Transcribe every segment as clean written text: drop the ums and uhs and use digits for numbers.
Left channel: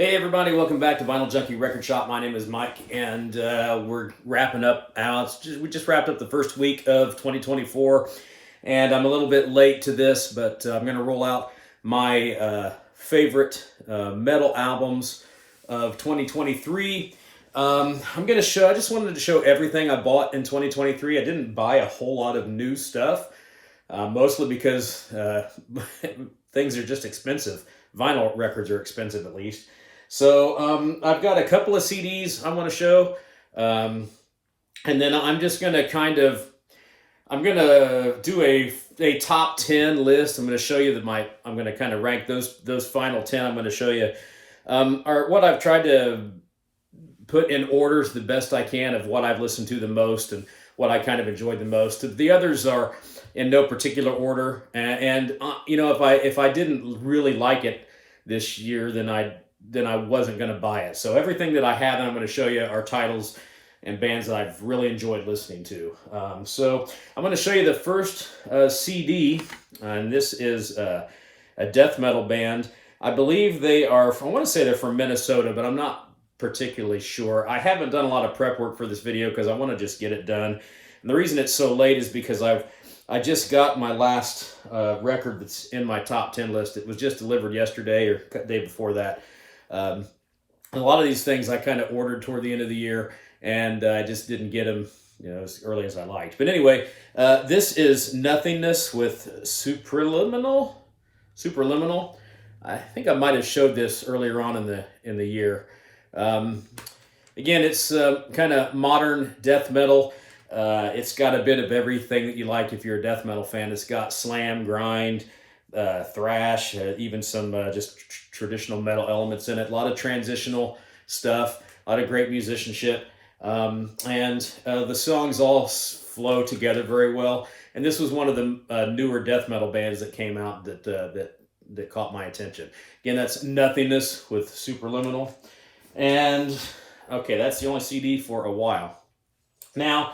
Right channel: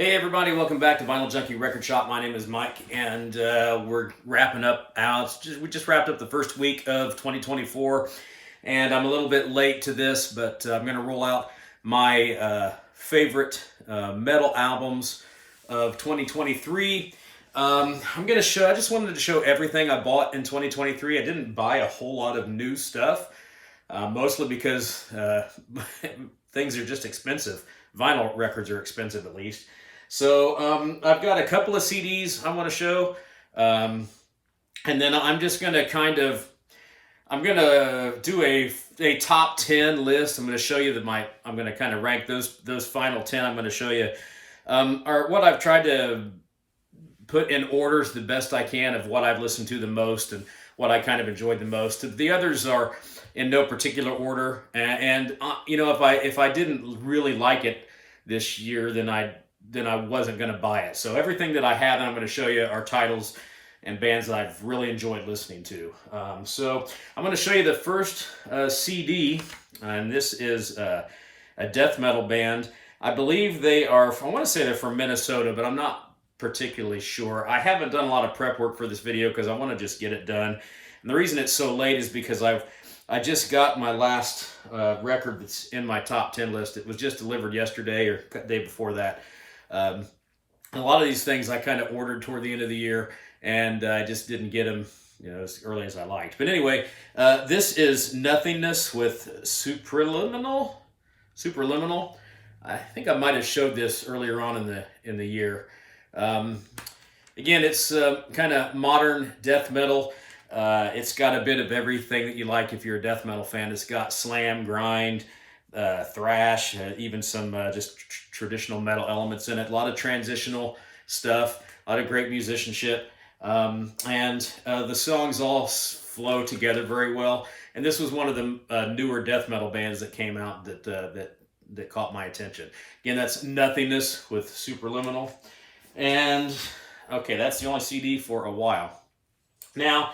Hey everybody, welcome back to Vinyl Junkie Record Shop. My name is Mike, and we're wrapping up. We just wrapped up the first week of 2024, and I'm a little bit late to this, but I'm going to roll out my favorite metal albums of 2023. I'm going to show. I just wanted to show everything I bought in 2023. I didn't buy a whole lot of new stuff, mostly because things are just expensive. Vinyl records are expensive, at least. So I've got a couple of CDs I want to show, and then I'm just going to I'm going to do a top 10 list. I'm going to show you I'm going to kind of rank those final 10. I'm going to show you are what I've tried to put in orders the best I can of what I've listened to the most and what I kind of enjoyed the most. The others are in no particular order, and you know, if I didn't really like it this year, then I wasn't going to buy it. So everything that I have that I'm going to show you are titles and bands that I've really enjoyed listening to. So I'm going to show you the first CD, and this is a death metal band. I believe I want to say they're from Minnesota, but I'm not particularly sure. I haven't done a lot of prep work for this video because I want to just get it done. And the reason it's so late is because I just got my last record that's in my top 10 list. It was just delivered yesterday or the day before that. A lot of these things I kind of ordered toward the end of the year, and I just didn't get them, as early as I liked. But anyway, this is Nothingness with Superliminal. I think I might have showed this earlier on in the year. Again, it's kind of modern death metal. It's got a bit of everything that you like if you're a death metal fan. It's got slam, grind, thrash, even some just traditional metal elements in it. A lot of transitional stuff, a lot of great musicianship, and the songs all flow together very well. And this was one of the newer death metal bands that came out that caught my attention. Again, that's Nothingness with Superliminal, and okay, that's the only CD for a while. Now,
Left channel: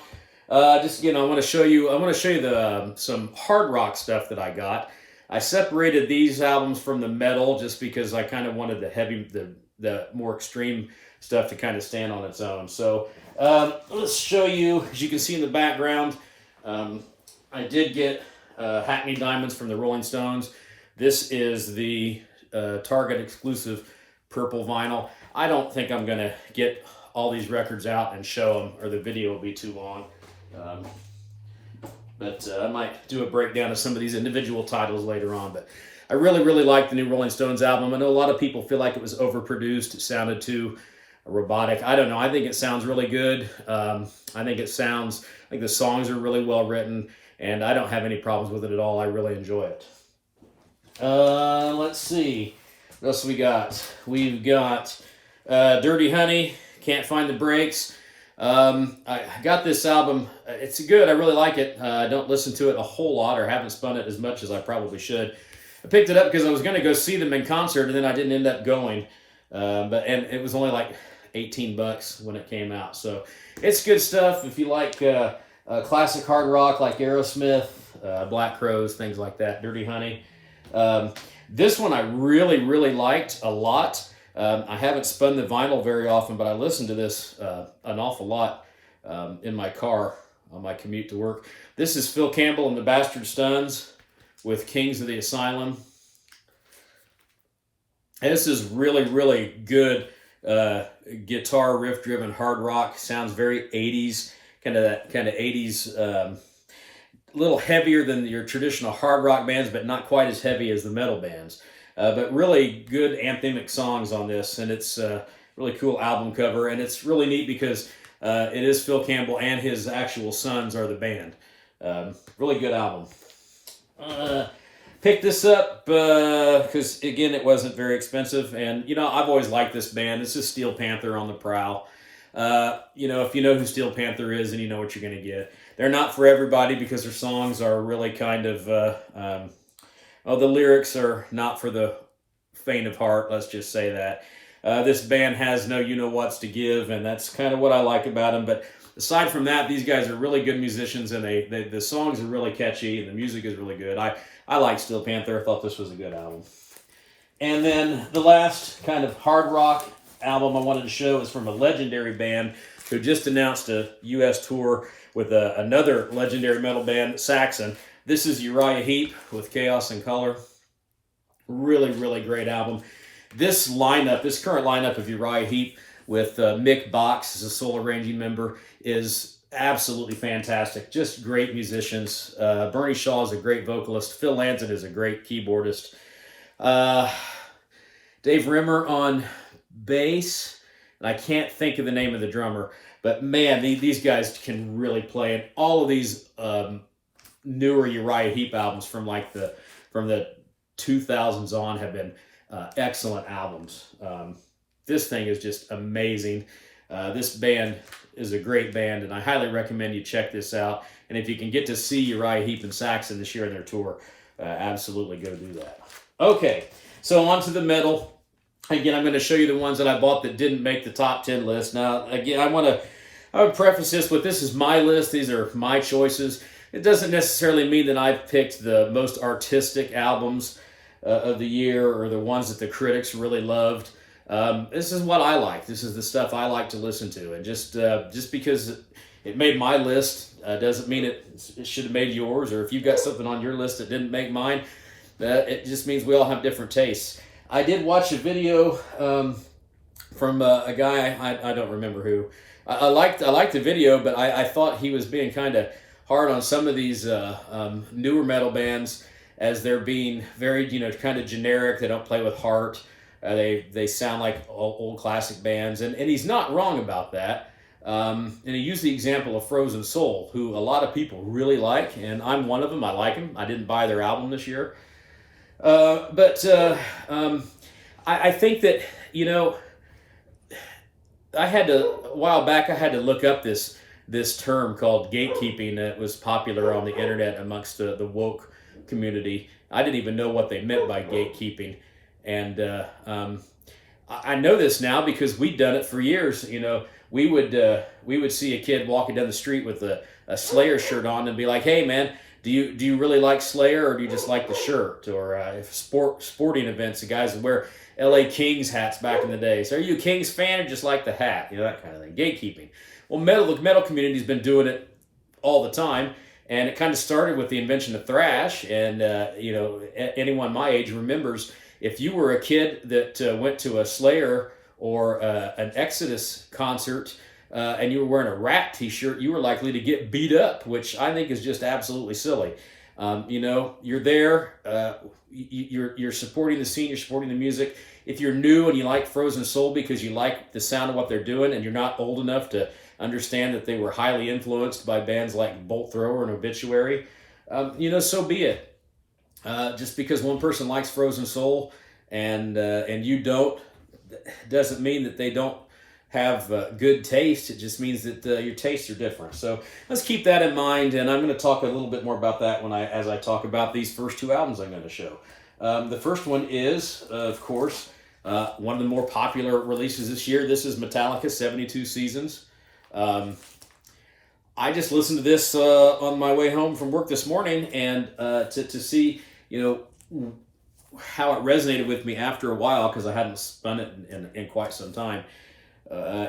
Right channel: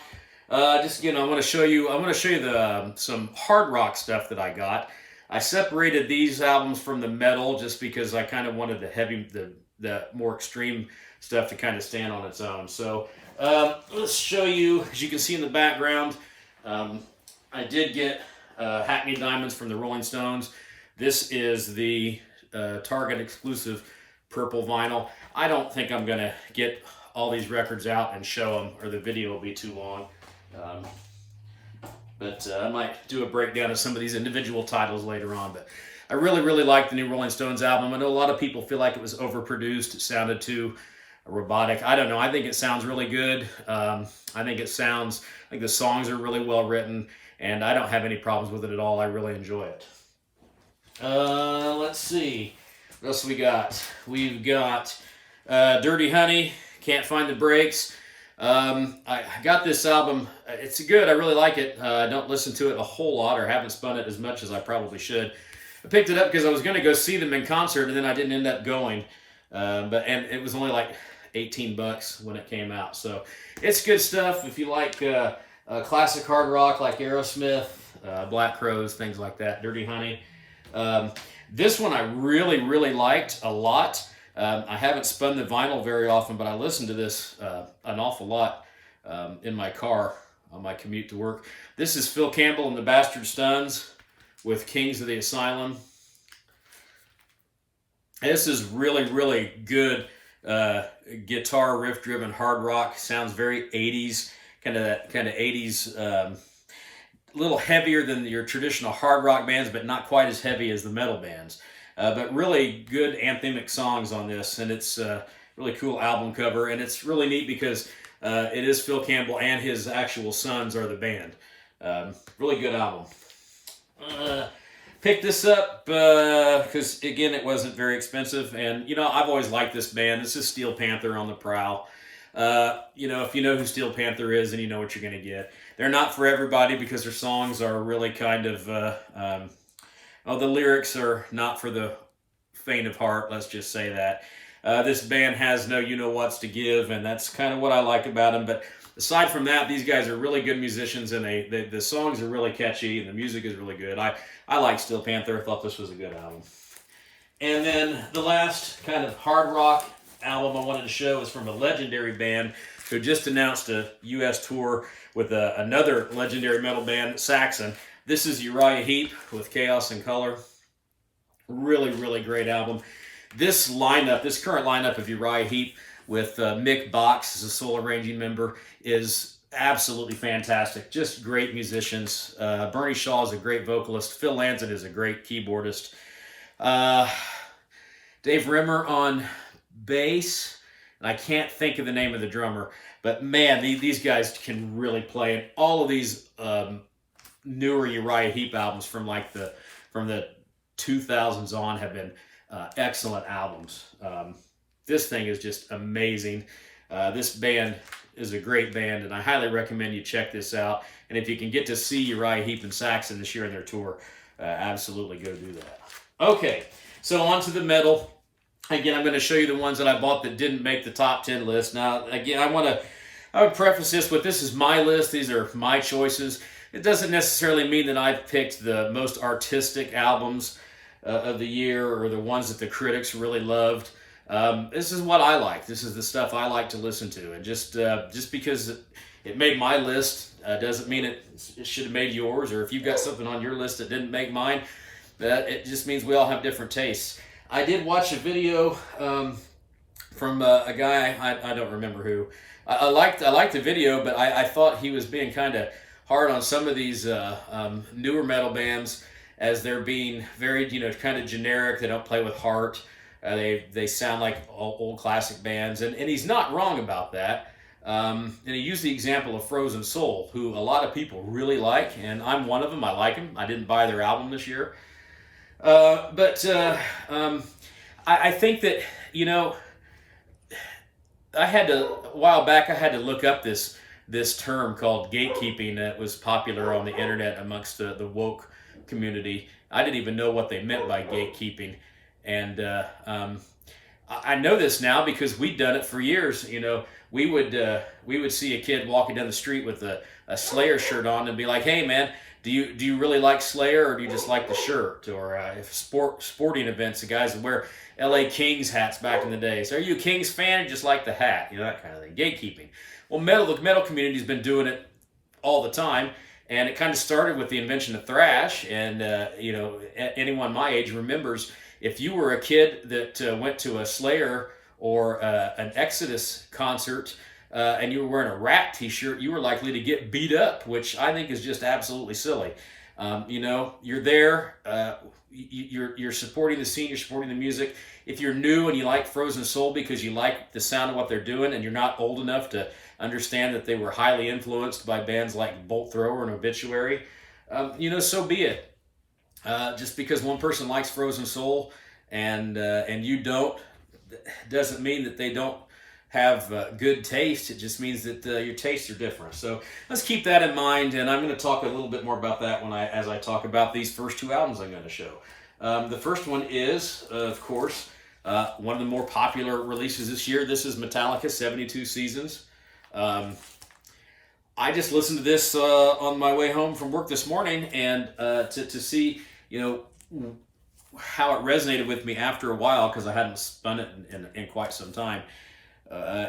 just I want to show you the some hard rock stuff that I got. I separated these albums from the metal just because I kind of wanted the more extreme stuff to kind of stand on its own. So let's show you, as you can see in the background, I did get Hackney Diamonds from the Rolling Stones. This is the Target exclusive purple vinyl. I don't think I'm going to get all these records out and show them, or the video will be too long. But I might do a breakdown of some of these individual titles later on. But I really, really like the new Rolling Stones album. I know a lot of people feel like it was overproduced. It sounded too robotic. I don't know. I think it sounds really good. I think the songs are really well written, and I don't have any problems with it at all. I really enjoy it. Let's see. What else we got? We've got Dirty Honey, Can't Find the Brakes. I got this album. It's good. I really like it. I don't listen to it a whole lot, or haven't spun it as much as I probably should. I picked it up because I was going to go see them in concert, and then I didn't end up going. And it was only like $18 when it came out. So it's good stuff if you like classic hard rock like Aerosmith, Black Crowes, things like that. Dirty Honey. This one I really, really liked a lot. I haven't spun the vinyl very often, but I listened to this an awful lot in my car on my commute to work. This is Phil Campbell and the Bastard Stuns with Kings of the Asylum. And this is really, really good guitar riff-driven hard rock. Sounds very 80s, kind of 80s, a little heavier than your traditional hard rock bands, but not quite as heavy as the metal bands. But really good anthemic songs on this, and it's a really cool album cover, and it's really neat because it is Phil Campbell and his actual sons are the band. Really good album. Picked this up because, again, it wasn't very expensive, and, I've always liked this band. This is Steel Panther on the prowl. If you know who Steel Panther is, then you know what you're going to get. They're not for everybody because their songs are really kind of... the lyrics are not for the faint of heart, let's just say that. This band has no you-know-whats to give, and that's kind of what I like about them. But aside from that, these guys are really good musicians, and the songs are really catchy, and the music is really good. I like Steel Panther. I thought this was a good album. And then the last kind of hard rock album I wanted to show is from a legendary band who just announced a U.S. tour with another legendary metal band, Saxon. This is Uriah Heep with Chaos in Color. Really, really great album. This current lineup of Uriah Heep with Mick Box as a sole arranging member is absolutely fantastic. Just great musicians. Bernie Shaw is a great vocalist. Phil Lanzon is a great keyboardist. Dave Rimmer on bass, and I can't think of the name of the drummer, but man, these guys can really play. And all of these newer Uriah Heep albums from the 2000s on have been excellent albums. This thing is just amazing. This band is a great band, and I highly recommend you check this out. And if you can get to see Uriah Heep and Saxon this year in their tour, absolutely go do that. Okay, so on to the metal. Again, I'm going to show you the ones that I bought that didn't make the top 10 list. Now, again, I would preface this with, this is my list. These are my choices. It doesn't necessarily mean that I've picked the most artistic albums of the year or the ones that the critics really loved. This is what I like. This is the stuff I like to listen to. And just because it made my list doesn't mean it should have made yours. Or if you've got something on your list that didn't make mine, it just means we all have different tastes. I did watch a video from a guy, I don't remember who. I liked the video, but I thought he was being kind of hard on some of these newer metal bands, as they're being very, kind of generic. They don't play with heart. They sound like old classic bands, and he's not wrong about that. And he used the example of Frozen Soul, who a lot of people really like, and I'm one of them. I like them. I didn't buy their album this year. But I think that, a while back, I had to look up this term called gatekeeping that was popular on the internet amongst the woke community. I didn't even know what they meant by gatekeeping. And I know this now because we'd done it for years. We would see a kid walking down the street with a Slayer shirt on and be like, "Hey, man, do you really like Slayer, or do you just like the shirt?" Or sporting events, the guys would wear L.A. Kings hats back in the day. So, are you a Kings fan or just like the hat? That kind of thing. Gatekeeping. Well, the metal community's been doing it all the time, and it kind of started with the invention of thrash. And anyone my age remembers, if you were a kid that went to a Slayer or an Exodus concert, and you were wearing a Rat t-shirt, you were likely to get beat up, which I think is just absolutely silly. You're there, you're supporting the scene, you're supporting the music. If you're new and you like Frozen Soul because you like the sound of what they're doing, and you're not old enough to understand that they were highly influenced by bands like Bolt Thrower and Obituary, so be it. Just because one person likes Frozen Soul and you don't, doesn't mean that they don't have good taste. It just means that your tastes are different. So let's keep that in mind, and I'm going to talk a little bit more about that as I talk about these first two albums I'm going to show. The first one is, of course, one of the more popular releases this year. This is Metallica, 72 Seasons. I just listened to this on my way home from work this morning, and to see, how it resonated with me after a while, because I hadn't spun it in quite some time. I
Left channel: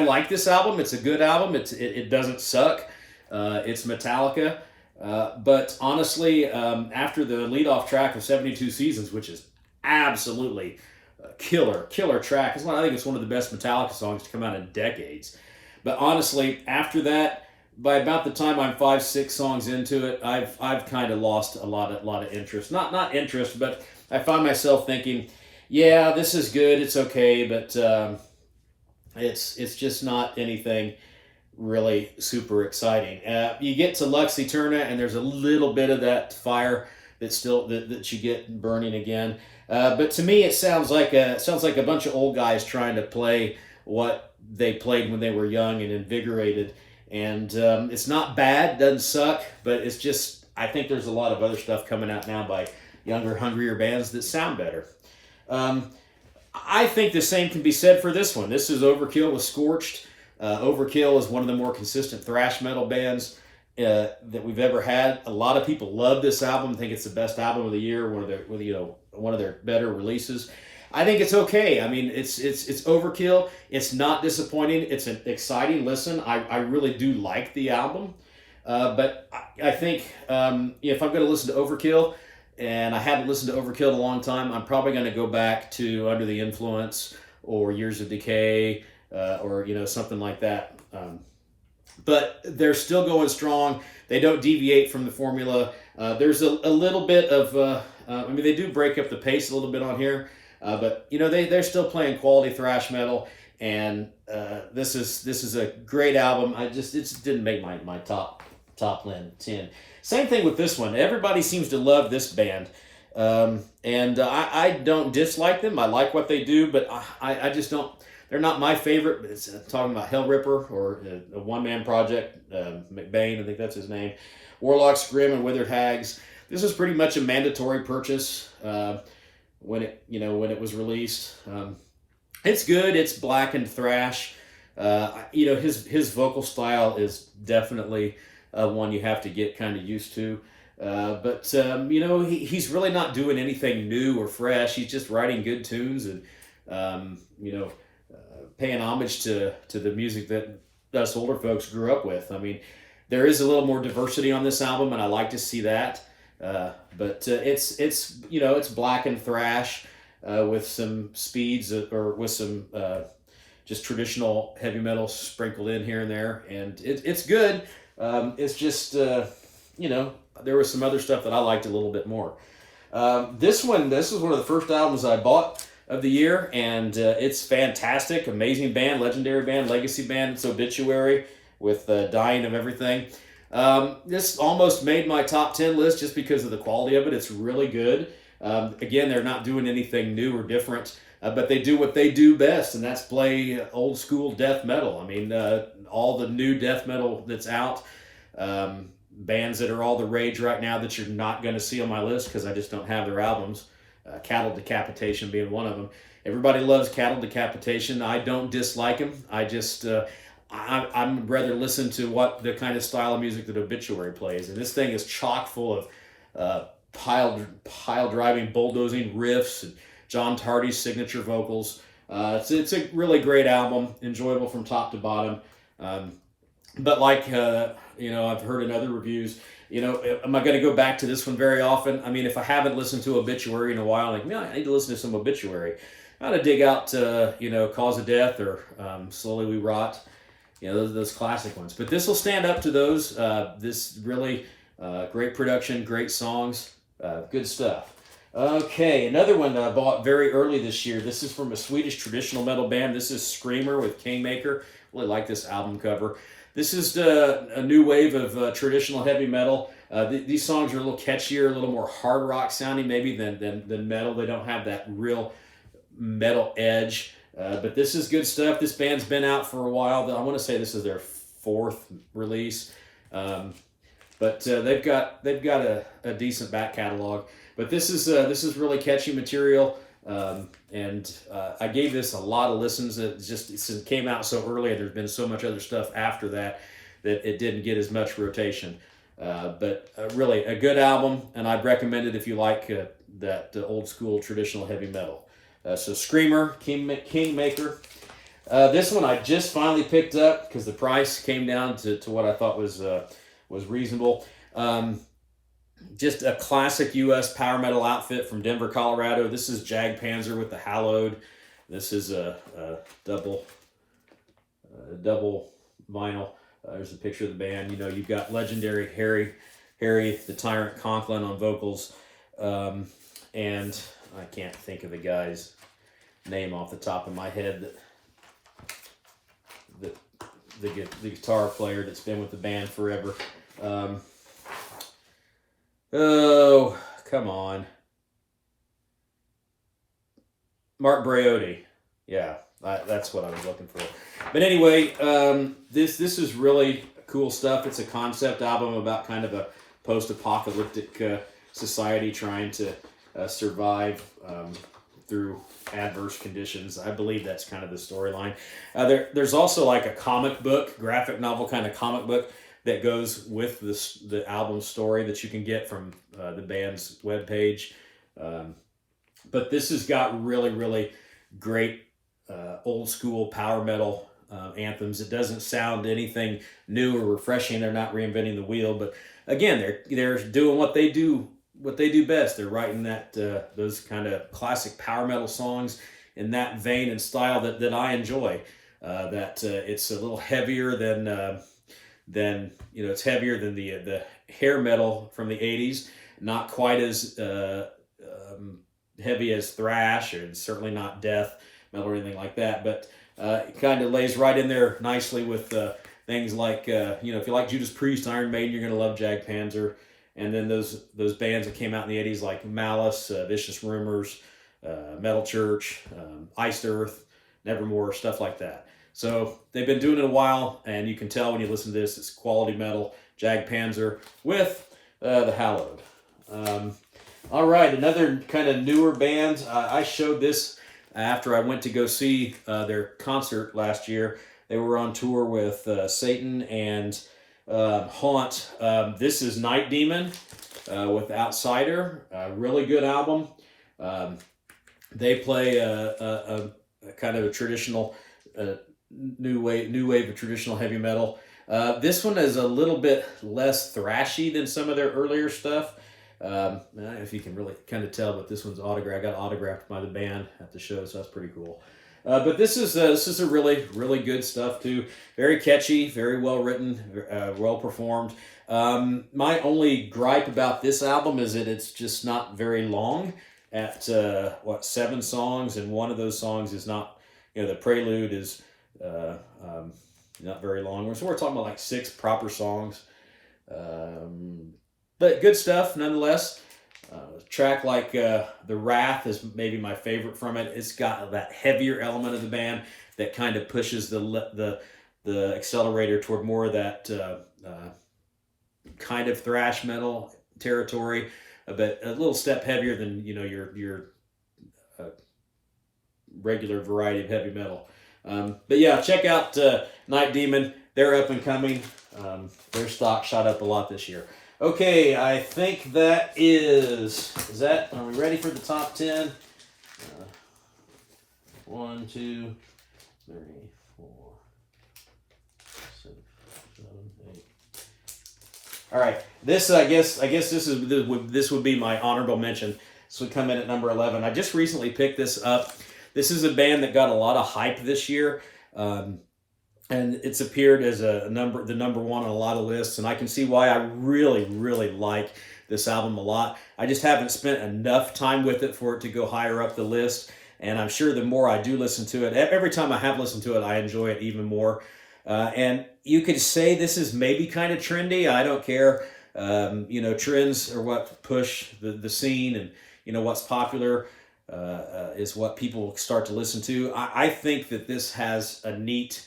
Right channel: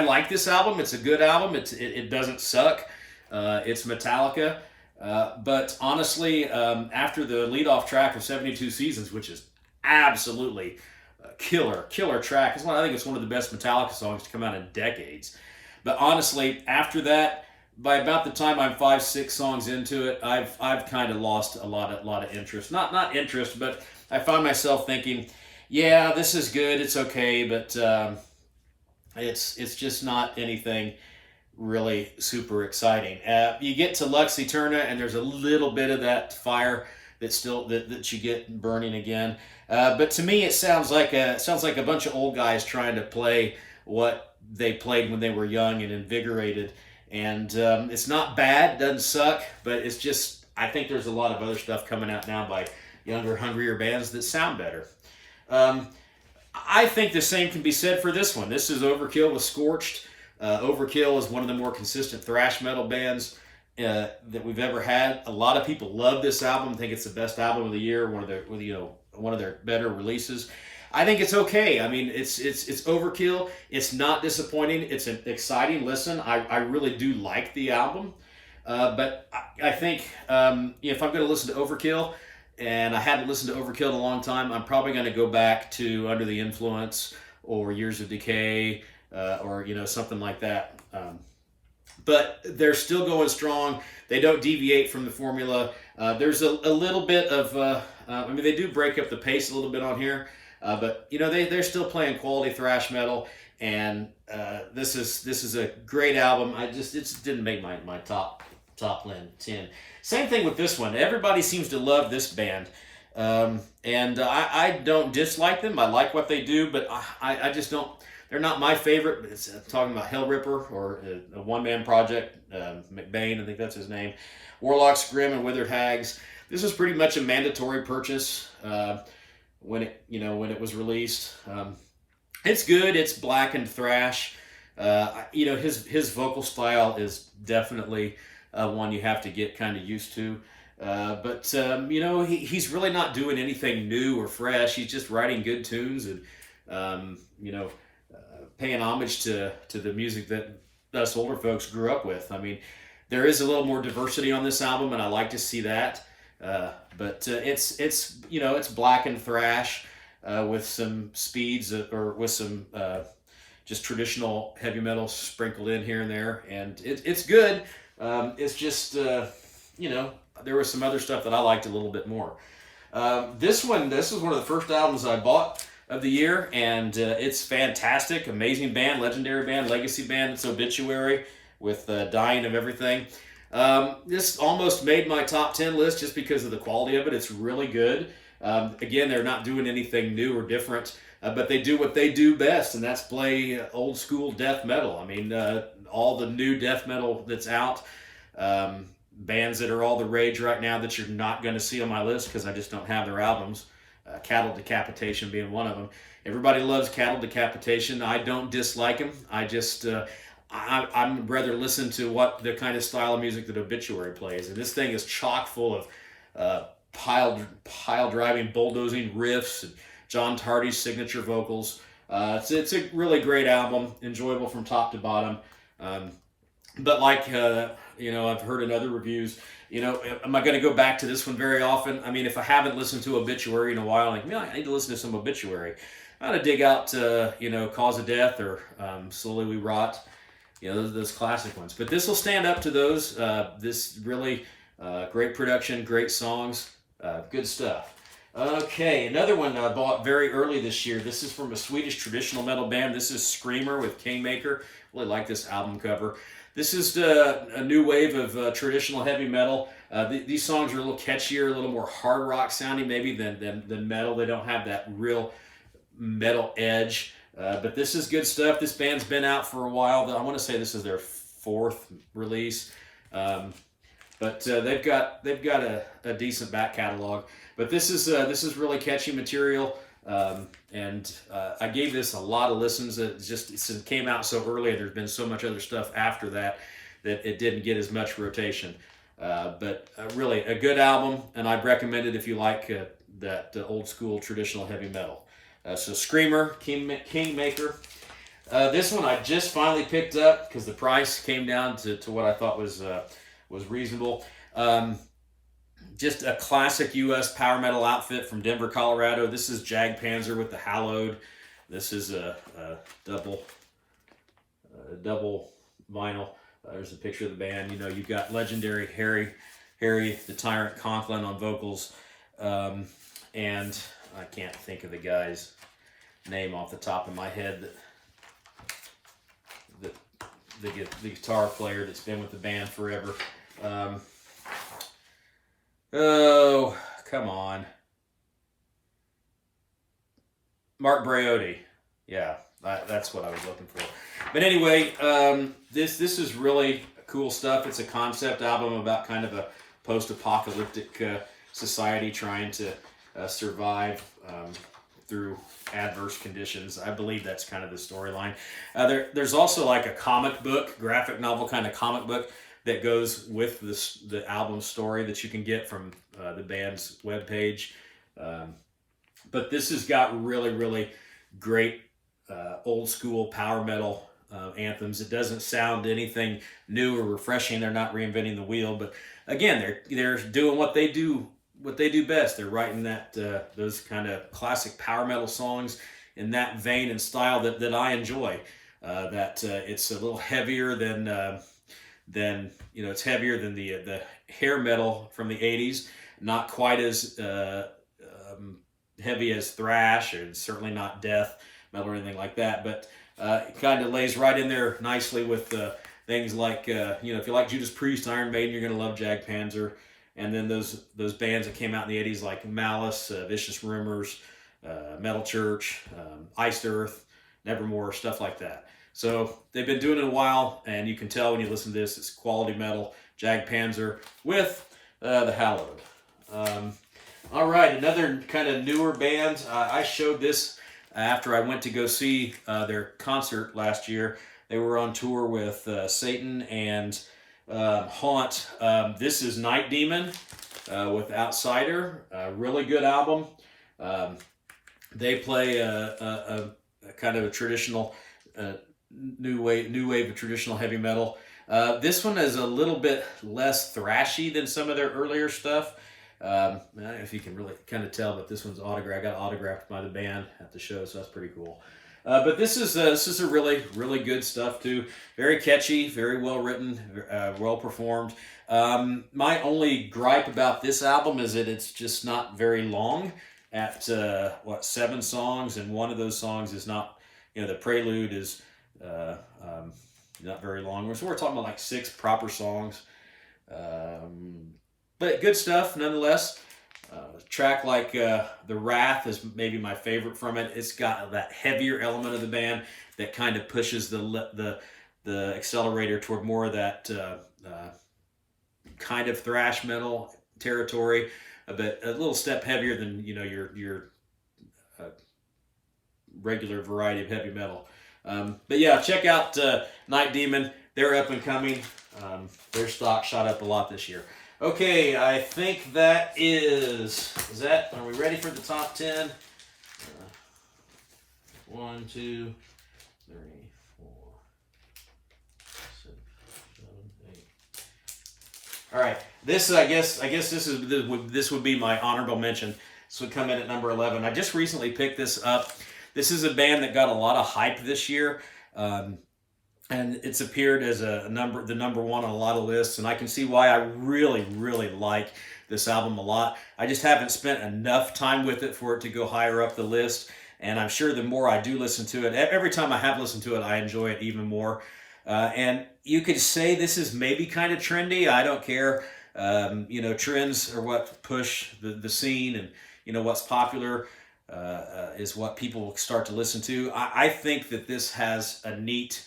like this album. It's a good album. It doesn't suck. It's Metallica. But honestly, after the lead-off track of 72 Seasons, which is absolutely a killer track, I think it's one of the best Metallica songs to come out in decades. But honestly, after that, by about the time I'm 5-6 songs into it, I've kind of lost a lot of interest. Not interest, but I find myself thinking, yeah, this is good, it's okay, but it's just not anything really super exciting. You get to Lux Eterna, and there's a little bit of that fire that you get burning again. But to me, it sounds like a bunch of old guys trying to play what they played when they were young and invigorated. And it's not bad, doesn't suck, but it's just, I think there's a lot of other stuff coming out now by younger, hungrier bands that sound better. I think the same can be said for this one. This is Overkill with Scorched. Overkill is one of the more consistent thrash metal bands. that we've ever had. A lot of people love this album, think it's the best album of the year, one of their better releases. I think it's okay. I mean, it's overkill. It's not disappointing. It's an exciting listen. I really do like the album, but I think if I'm going to listen to Overkill, and I hadn't listened to Overkill in a long time, I'm probably going to go back to Under the Influence or Years of Decay, or something like that. But they're still going strong. They don't deviate from the formula. There's a little bit of, I mean, they do break up the pace a little bit on here, but they're still playing quality thrash metal, and this is a great album. It just didn't make my top 10. Same thing with this one. Everybody seems to love this band, and I don't dislike them. I like what they do, but I just don't. They're not my favorite. But it's talking about Hellripper, or a one-man project. McBain, I think that's his name. Warlocks, Grim, and Withered Hags. This was pretty much a mandatory purchase when it was released. It's good. It's blackened thrash. His vocal style is definitely one you have to get kind of used to. But he's really not doing anything new or fresh. He's just writing good tunes and paying homage to the music that us older folks grew up with. I mean, there is a little more diversity on this album, and I like to see that. But it's blackened thrash with some speeds, or with some just traditional heavy metal sprinkled in here and there, and it's good. It's just there was some other stuff that I liked a little bit more. This is one of the first albums I bought of the year, and it's fantastic. Amazing band, legendary band, legacy band. It's Obituary with Dying of Everything. This almost made my top 10 list just because of the quality of it. It's really good. Again, they're not doing anything new or different, but they do what they do best, and that's play old school death metal. I mean, all the new death metal that's out, bands that are all the rage right now that you're not going to see on my list because I just don't have their albums. Cattle Decapitation being one of them. Everybody loves Cattle Decapitation. I don't dislike them. I just I'm rather listen to what the kind of style of music that Obituary plays, and this thing is chock full of pile driving, bulldozing riffs, and John Tardy's signature vocals. It's a really great album, enjoyable from top to bottom. But like I've heard in other reviews, am I going to go back to this one very often? I mean, if I haven't listened to Obituary in a while, I need to listen to some Obituary. I ought to dig out, Cause of Death, or Slowly We Rot, those classic ones. But this will stand up to those. This really great production, great songs, good stuff. Okay, another one I bought very early this year. This is from a Swedish traditional metal band. This is Screamer with Kingmaker. Really like this album cover. This is a new wave of traditional heavy metal. These songs are a little catchier, a little more hard rock sounding maybe than metal. They don't have that real metal edge, but this is good stuff. This band's been out for a while. I want to say this is their 4th release, but they've got a decent back catalog. But this is really catchy material. And I gave this a lot of listens. Since it came out so early, there's been so much other stuff after that it didn't get as much rotation. But really a good album, and I'd recommend it if you like that old school traditional heavy metal. So Screamer, Kingmaker. This one I just finally picked up because the price came down to what I thought was reasonable. Just a classic U.S. power metal outfit from Denver, Colorado. This is Jagdpanzer with the Hallowed. This is a double vinyl. There's a picture of the band. You've got legendary Harry the Tyrant Conklin on vocals, and I can't think of the guy's name off the top of my head. The guitar player that's been with the band forever. Oh, come on. Mark Breotti. Yeah, that's what I was looking for. But anyway, this is really cool stuff. It's a concept album about kind of a post-apocalyptic society trying to survive through adverse conditions. I believe that's kind of the storyline. There's also like a comic book, graphic novel kind of comic book that goes with the album story that you can get from the band's webpage. But this has got really, really great old school power metal anthems. It doesn't sound anything new or refreshing. They're not reinventing the wheel, but again, they're doing what they do best. They're writing those kind of classic power metal songs in that vein and style that I enjoy. It's a little heavier than it's heavier than the hair metal from the 80s. Not quite as heavy as thrash, or certainly not death metal or anything like that, but it kind of lays right in there nicely with things like if you like Judas Priest, Iron Maiden, you're going to love Jagdpanzer. And then those bands that came out in the 80s like Malice, Vicious Rumors, Metal Church, Iced Earth, Nevermore, stuff like that. So they've been doing it a while, and you can tell when you listen to this, it's quality metal. Jagdpanzer with the Hallowed. All right, another kind of newer band. I showed this after I went to go see their concert last year. They were on tour with Satan and Haunt. This is Night Demon with Outsider. A really good album. They play a kind of a traditional new wave of traditional heavy metal. This one is a little bit less thrashy than some of their earlier stuff. I don't know if you can really kind of tell, but this one's autographed. I got autographed by the band at the show, so that's pretty cool. But this is a really, really good stuff too. Very catchy, very well written, well performed. My only gripe about this album is that it's just not very long. At 7 songs, and one of those songs is not, the prelude is not very long. So we're talking about like 6 proper songs. But good stuff nonetheless. Track like The Wrath is maybe my favorite from it. It's got that heavier element of the band that kind of pushes the accelerator toward more of that kind of thrash metal territory, but a little step heavier than your regular variety of heavy metal. But yeah, check out Night Demon. They're up and coming. Their stock shot up a lot this year. Okay, I think that is that. Are we ready for the top 10? 1, 2, 3, 4, 6, 7, 8. All right, this I guess this would be my honorable mention. This would come in at number 11. I just recently picked this up. This is a band that got a lot of hype this year. And it's appeared as the number one on a lot of lists, and I can see why. I really, really like this album a lot. I just haven't spent enough time with it for it to go higher up the list, and I'm sure the more I do listen to it, every time I have listened to it, I enjoy it even more. And you could say this is maybe kind of trendy. I don't care. Trends are what push the scene, and what's popular is what people start to listen to. I think that this has a neat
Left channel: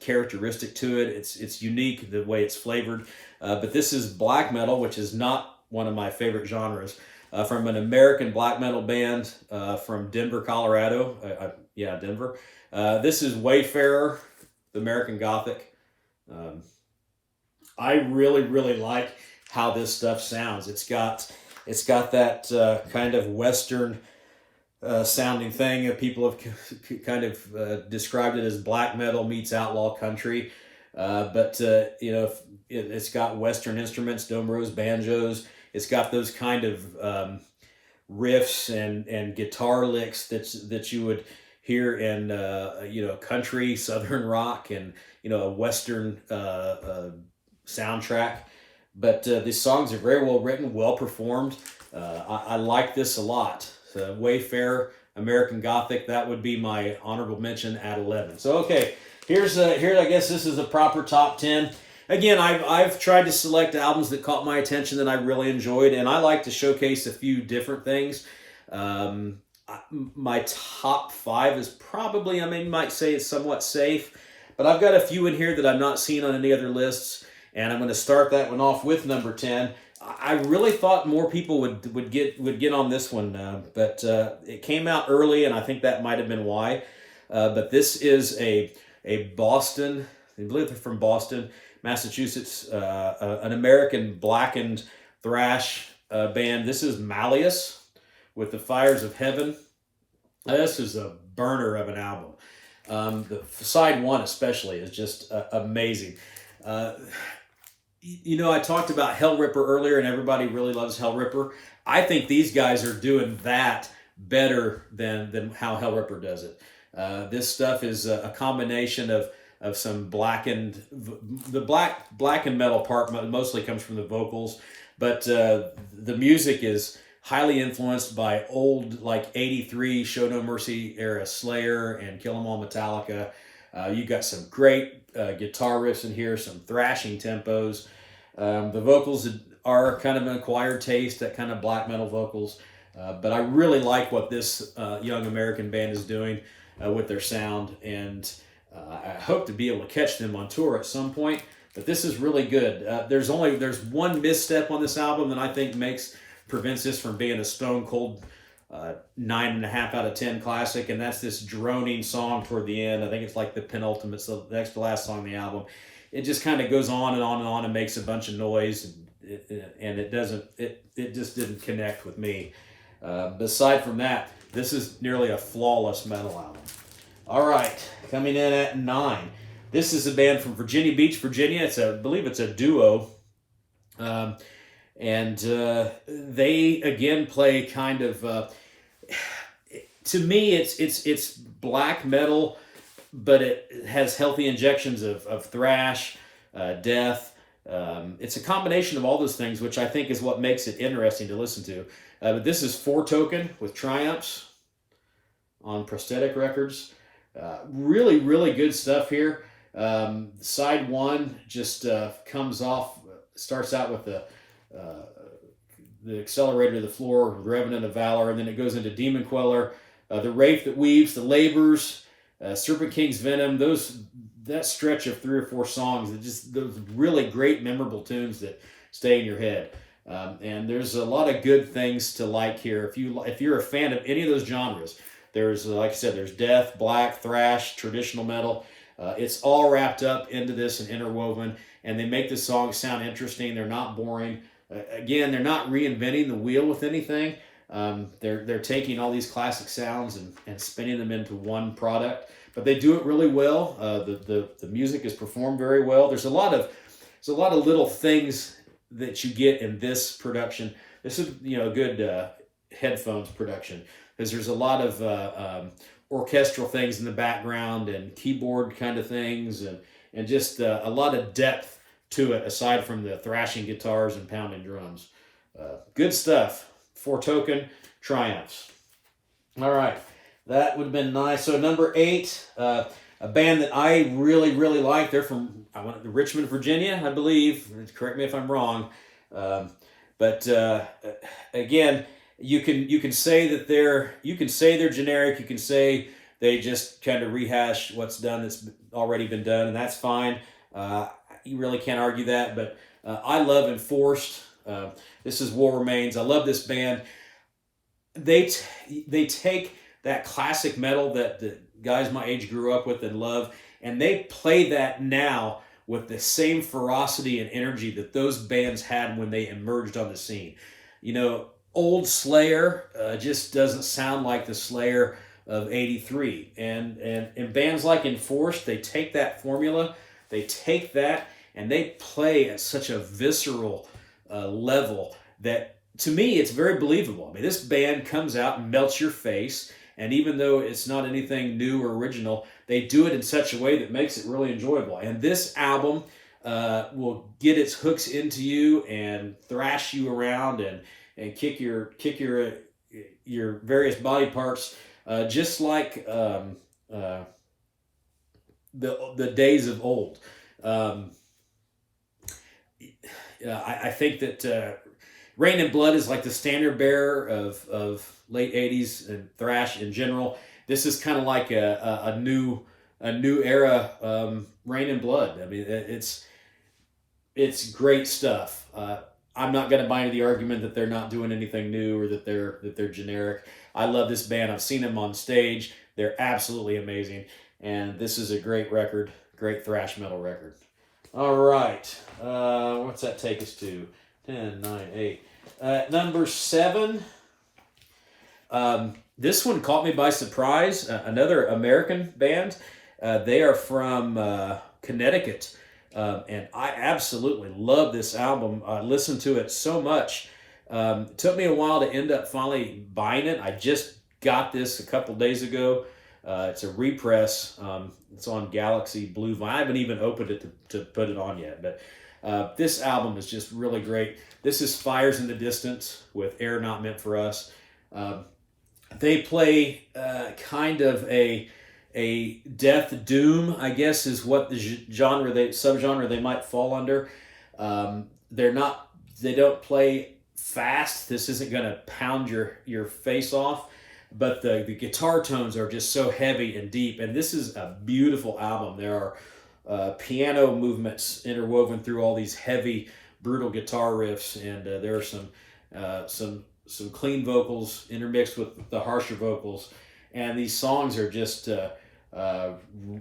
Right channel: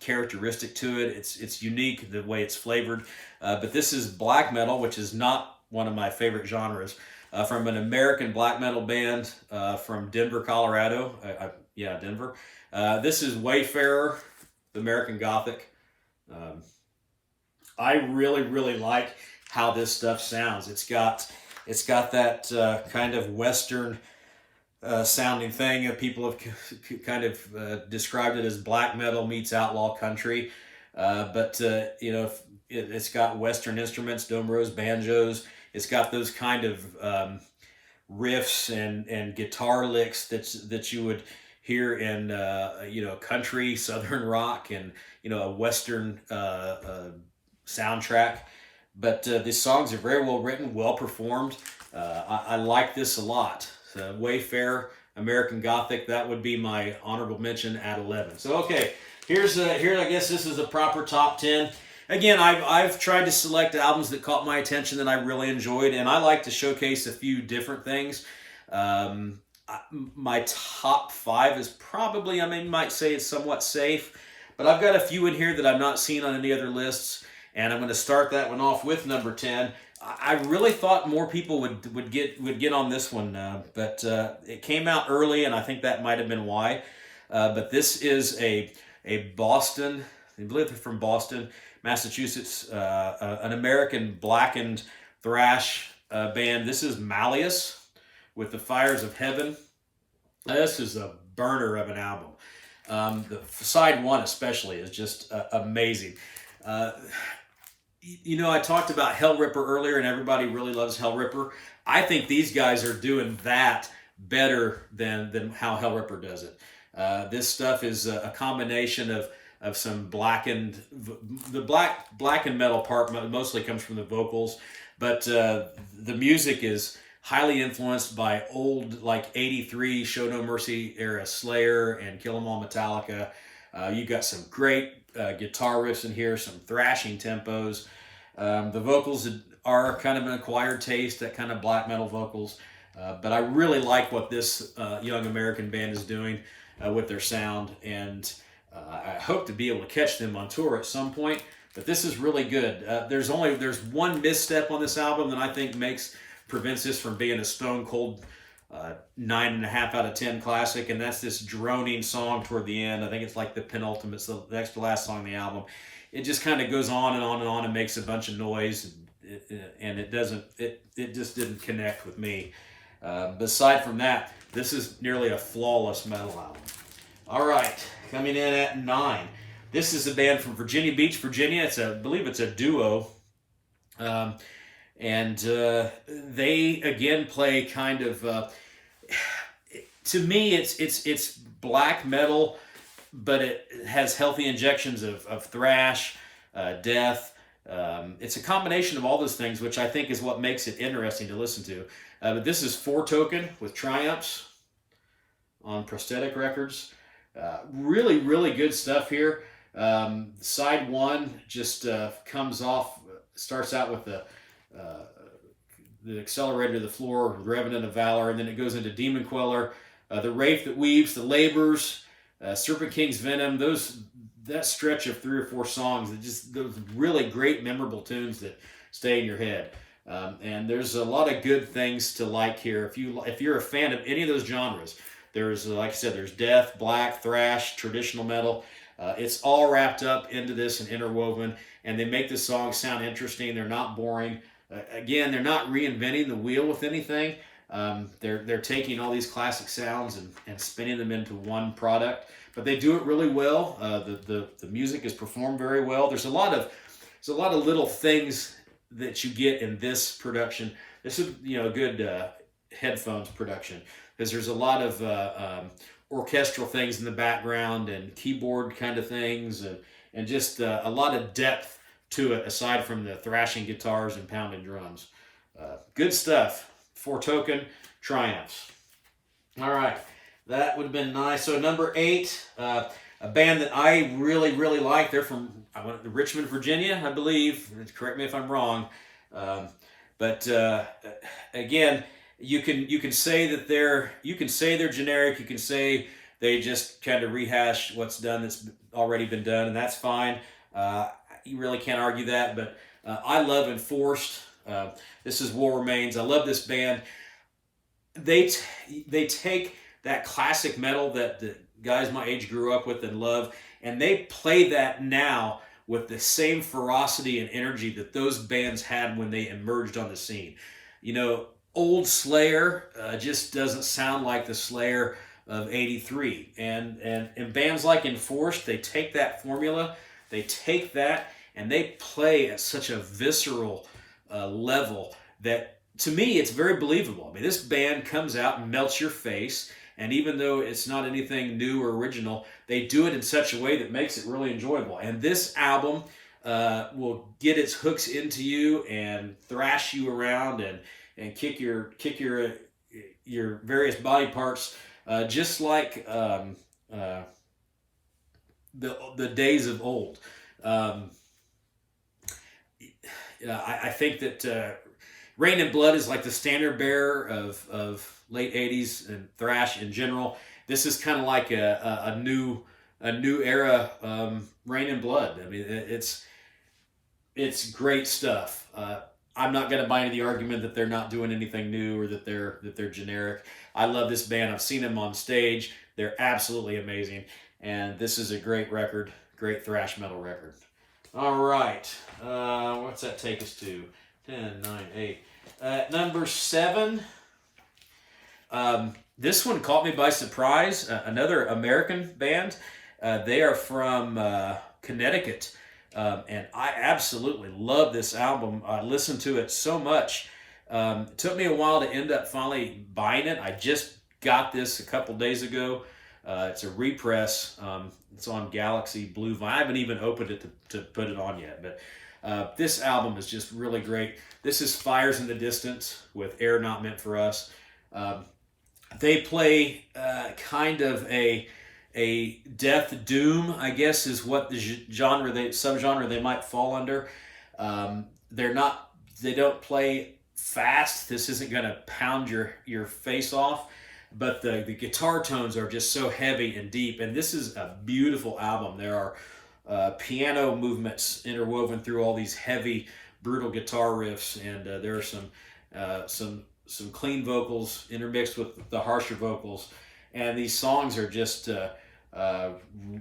characteristic to it. It's unique the way it's flavored, but this is black metal, which is not one of my favorite genres, from an American black metal band from Denver, Colorado. Denver. This is Wayfarer, the American Gothic. I really, really like how this stuff sounds. It's got that kind of Western sounding thing. People have kind of described it as black metal meets outlaw country, but it's got Western instruments, domros, banjos. It's got those kind of riffs and guitar licks that you would hear in country, southern rock, and a Western soundtrack. But these songs are very well written, well performed. I like this a lot. Wayfarer, American Gothic, that would be my honorable mention at 11. So okay, here I guess this is the proper top 10. Again, I've tried to select albums that caught my attention that I really enjoyed, and I like to showcase a few different things. My top 5 is probably, might say it's somewhat safe, but I've got a few in here that I've not seen on any other lists, and I'm going to start that one off with number 10. I really thought more people would get on this one, but it came out early, and I think that might have been why. But this is a Boston, I believe they're from Boston, Massachusetts, an American blackened thrash band. This is Malleus with The Fires of Heaven. This is a burner of an album. The side one especially is just amazing. I talked about Hellripper earlier, and everybody really loves Hellripper. I think these guys are doing that better than how Hellripper does it. This stuff is a combination of some blackened, the blackened metal part mostly comes from the vocals, but the music is highly influenced by old, like 83 Show No Mercy era Slayer and Kill 'Em All Metallica. You've got some great guitar riffs in here, some thrashing tempos. The vocals are kind of an acquired taste, that kind of black metal vocals. But I really like what this young American band is doing with their sound, and I hope to be able to catch them on tour at some point. But this is really good. There's one misstep on this album that I think prevents this from being a stone cold 9.5 out of 10 classic, and that's this droning song toward the end. I think it's like the penultimate, so the next to last song on the album. It just kind of goes on and on and on and makes a bunch of noise, and it just didn't connect with me. Aside from that, this is nearly a flawless metal album. All right, coming in at 9. This is a band from Virginia Beach, Virginia. I believe it's a duo. And they again play kind of to me it's black metal, but it has healthy injections of thrash, death. It's a combination of all those things, which I think is what makes it interesting to listen to. But this is Four Token with Triumphs on Prosthetic Records. Really, really good stuff here. Side one just starts out with the Accelerator to the Floor, Revenant of Valor, and then it goes into Demon Queller, the Wraith That Weaves, the Labors, Serpent King's Venom. That stretch of 3 or 4 songs, those really great, memorable tunes that stay in your head. And there's a lot of good things to like here. If you're a fan of any of those genres, there's, like I said, there's death, black, thrash, traditional metal. It's all wrapped up into this and interwoven, and they make the songs sound interesting. They're not boring. Again, they're not reinventing the wheel with anything. They're taking all these classic sounds and spinning them into one product, but they do it really well. The music is performed very well. There's a lot of little things that you get in this production. This is a good headphones production, because there's a lot of orchestral things in the background and keyboard kind of things, and just a lot of depth to it aside from the thrashing guitars and pounding drums. Good stuff. Four Token, Triumphs. All right, that would have been nice. So number 8, a band that I really, really like. They're from Richmond, Virginia, I believe. Correct me if I'm wrong. But again, you can say that they're generic. You can say they just kind of rehash what's already been done, and that's fine. You really can't argue that. But I love Enforced. This is War Remains. I love this band. They take that classic metal that the guys my age grew up with and love, and they play that now with the same ferocity and energy that those bands had when they emerged on the scene. Old Slayer just doesn't sound like the Slayer of 83. And bands like Enforced, they take that formula, they take that, and they play at such a visceral level that, to me, it's very believable. I mean, this band comes out and melts your face, and even though it's not anything new or original, they do it in such a way that makes it really enjoyable. And this album will get its hooks into you and thrash you around and kick your various body parts, just like the days of old. I think that Rain and Blood is like the standard bearer of late 80s and thrash in general. This is kind of like a new era Rain and Blood. I mean, it's great stuff. I'm not going to buy into the argument that they're not doing anything new or that they're generic. I love this band. I've seen them on stage. They're absolutely amazing, and this is a great record, great thrash metal record. All right. What's that take us to? 10, 9, 8. Number 7. This one caught me by surprise. Another American band. They are from Connecticut. And I absolutely love this album. I listened to it so much. It took me a while to end up finally buying it. I just got this a couple days ago. It's a repress. It's on Galaxy Blue Vinyl. I haven't even opened it to put it on yet, but this album is just really great. This is Fires in the Distance with Air Not Meant for Us. They play kind of a death doom, I guess, is what the subgenre they might fall under. They don't play fast. This isn't going to pound your face off, but the guitar tones are just so heavy and deep. And this is a beautiful album. There are piano movements interwoven through all these heavy, brutal guitar riffs, and there are some clean vocals intermixed with the harsher vocals. And these songs are just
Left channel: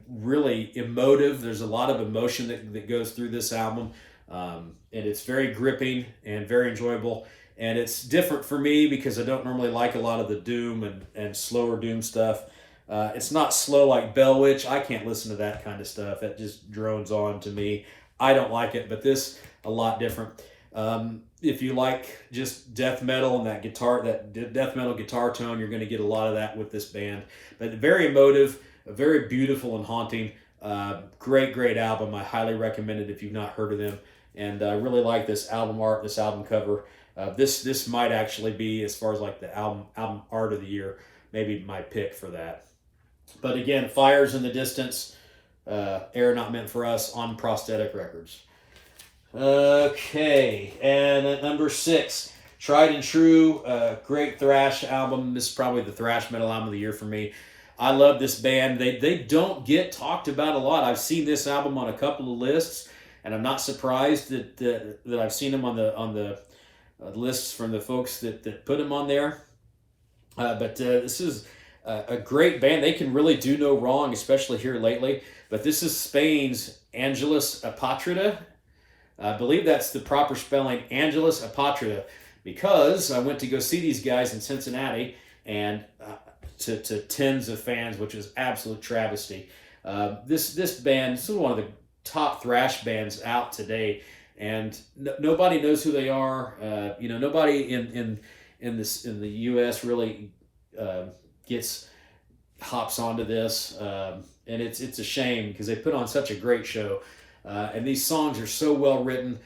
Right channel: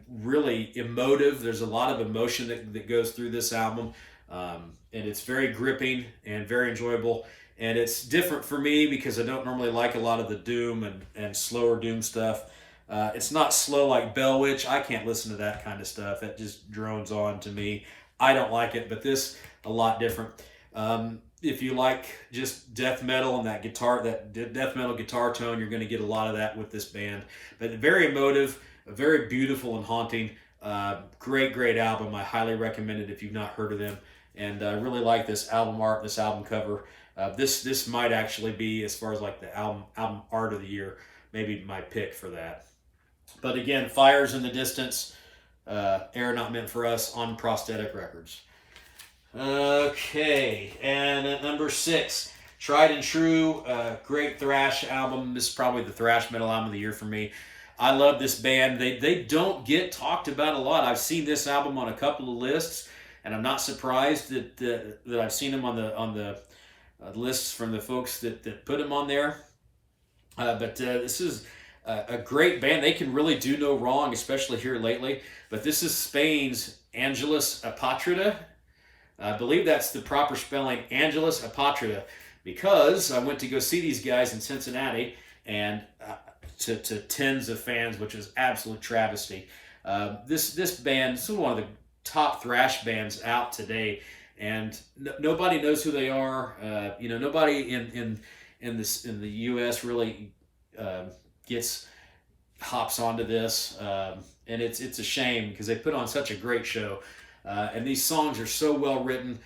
really emotive. There's a lot of emotion that goes through this album, and it's very gripping and very enjoyable. And it's different for me because I don't normally like a lot of the doom and slower doom stuff. It's not slow like Bell Witch. I can't listen to that kind of stuff. It just drones on to me. I don't like it, but this a lot different. If you like just death metal and that death metal guitar tone, you're going to get a lot of that with this band. But very emotive, very beautiful and haunting. Great album. I highly recommend it if you've not heard of them. And I really like this album art, this album cover. This might actually be, as far as like the album art of the year, maybe my pick for that. But again, Fires in the Distance, Air Not Meant for Us on Prosthetic Records. Okay, and at number 6, Tried and True, great thrash album. This is probably the thrash metal album of the year for me. I love this band. They don't get talked about a lot. I've seen this album on a couple of lists, and I'm not surprised that I've seen them on the lists from the folks that put them on there. But this is a great band. They can really do no wrong, especially here lately. But this is Spain's Angelus Apatrida. I believe that's the proper spelling, Angelus Apatrida, because I went to go see these guys in Cincinnati and to tens of fans, which was absolute travesty. This band, this is one of the top thrash bands out today, and nobody knows who they are. Nobody in the U.S. really hops onto this, and it's a shame because they put on such a great show. And these songs are so well written.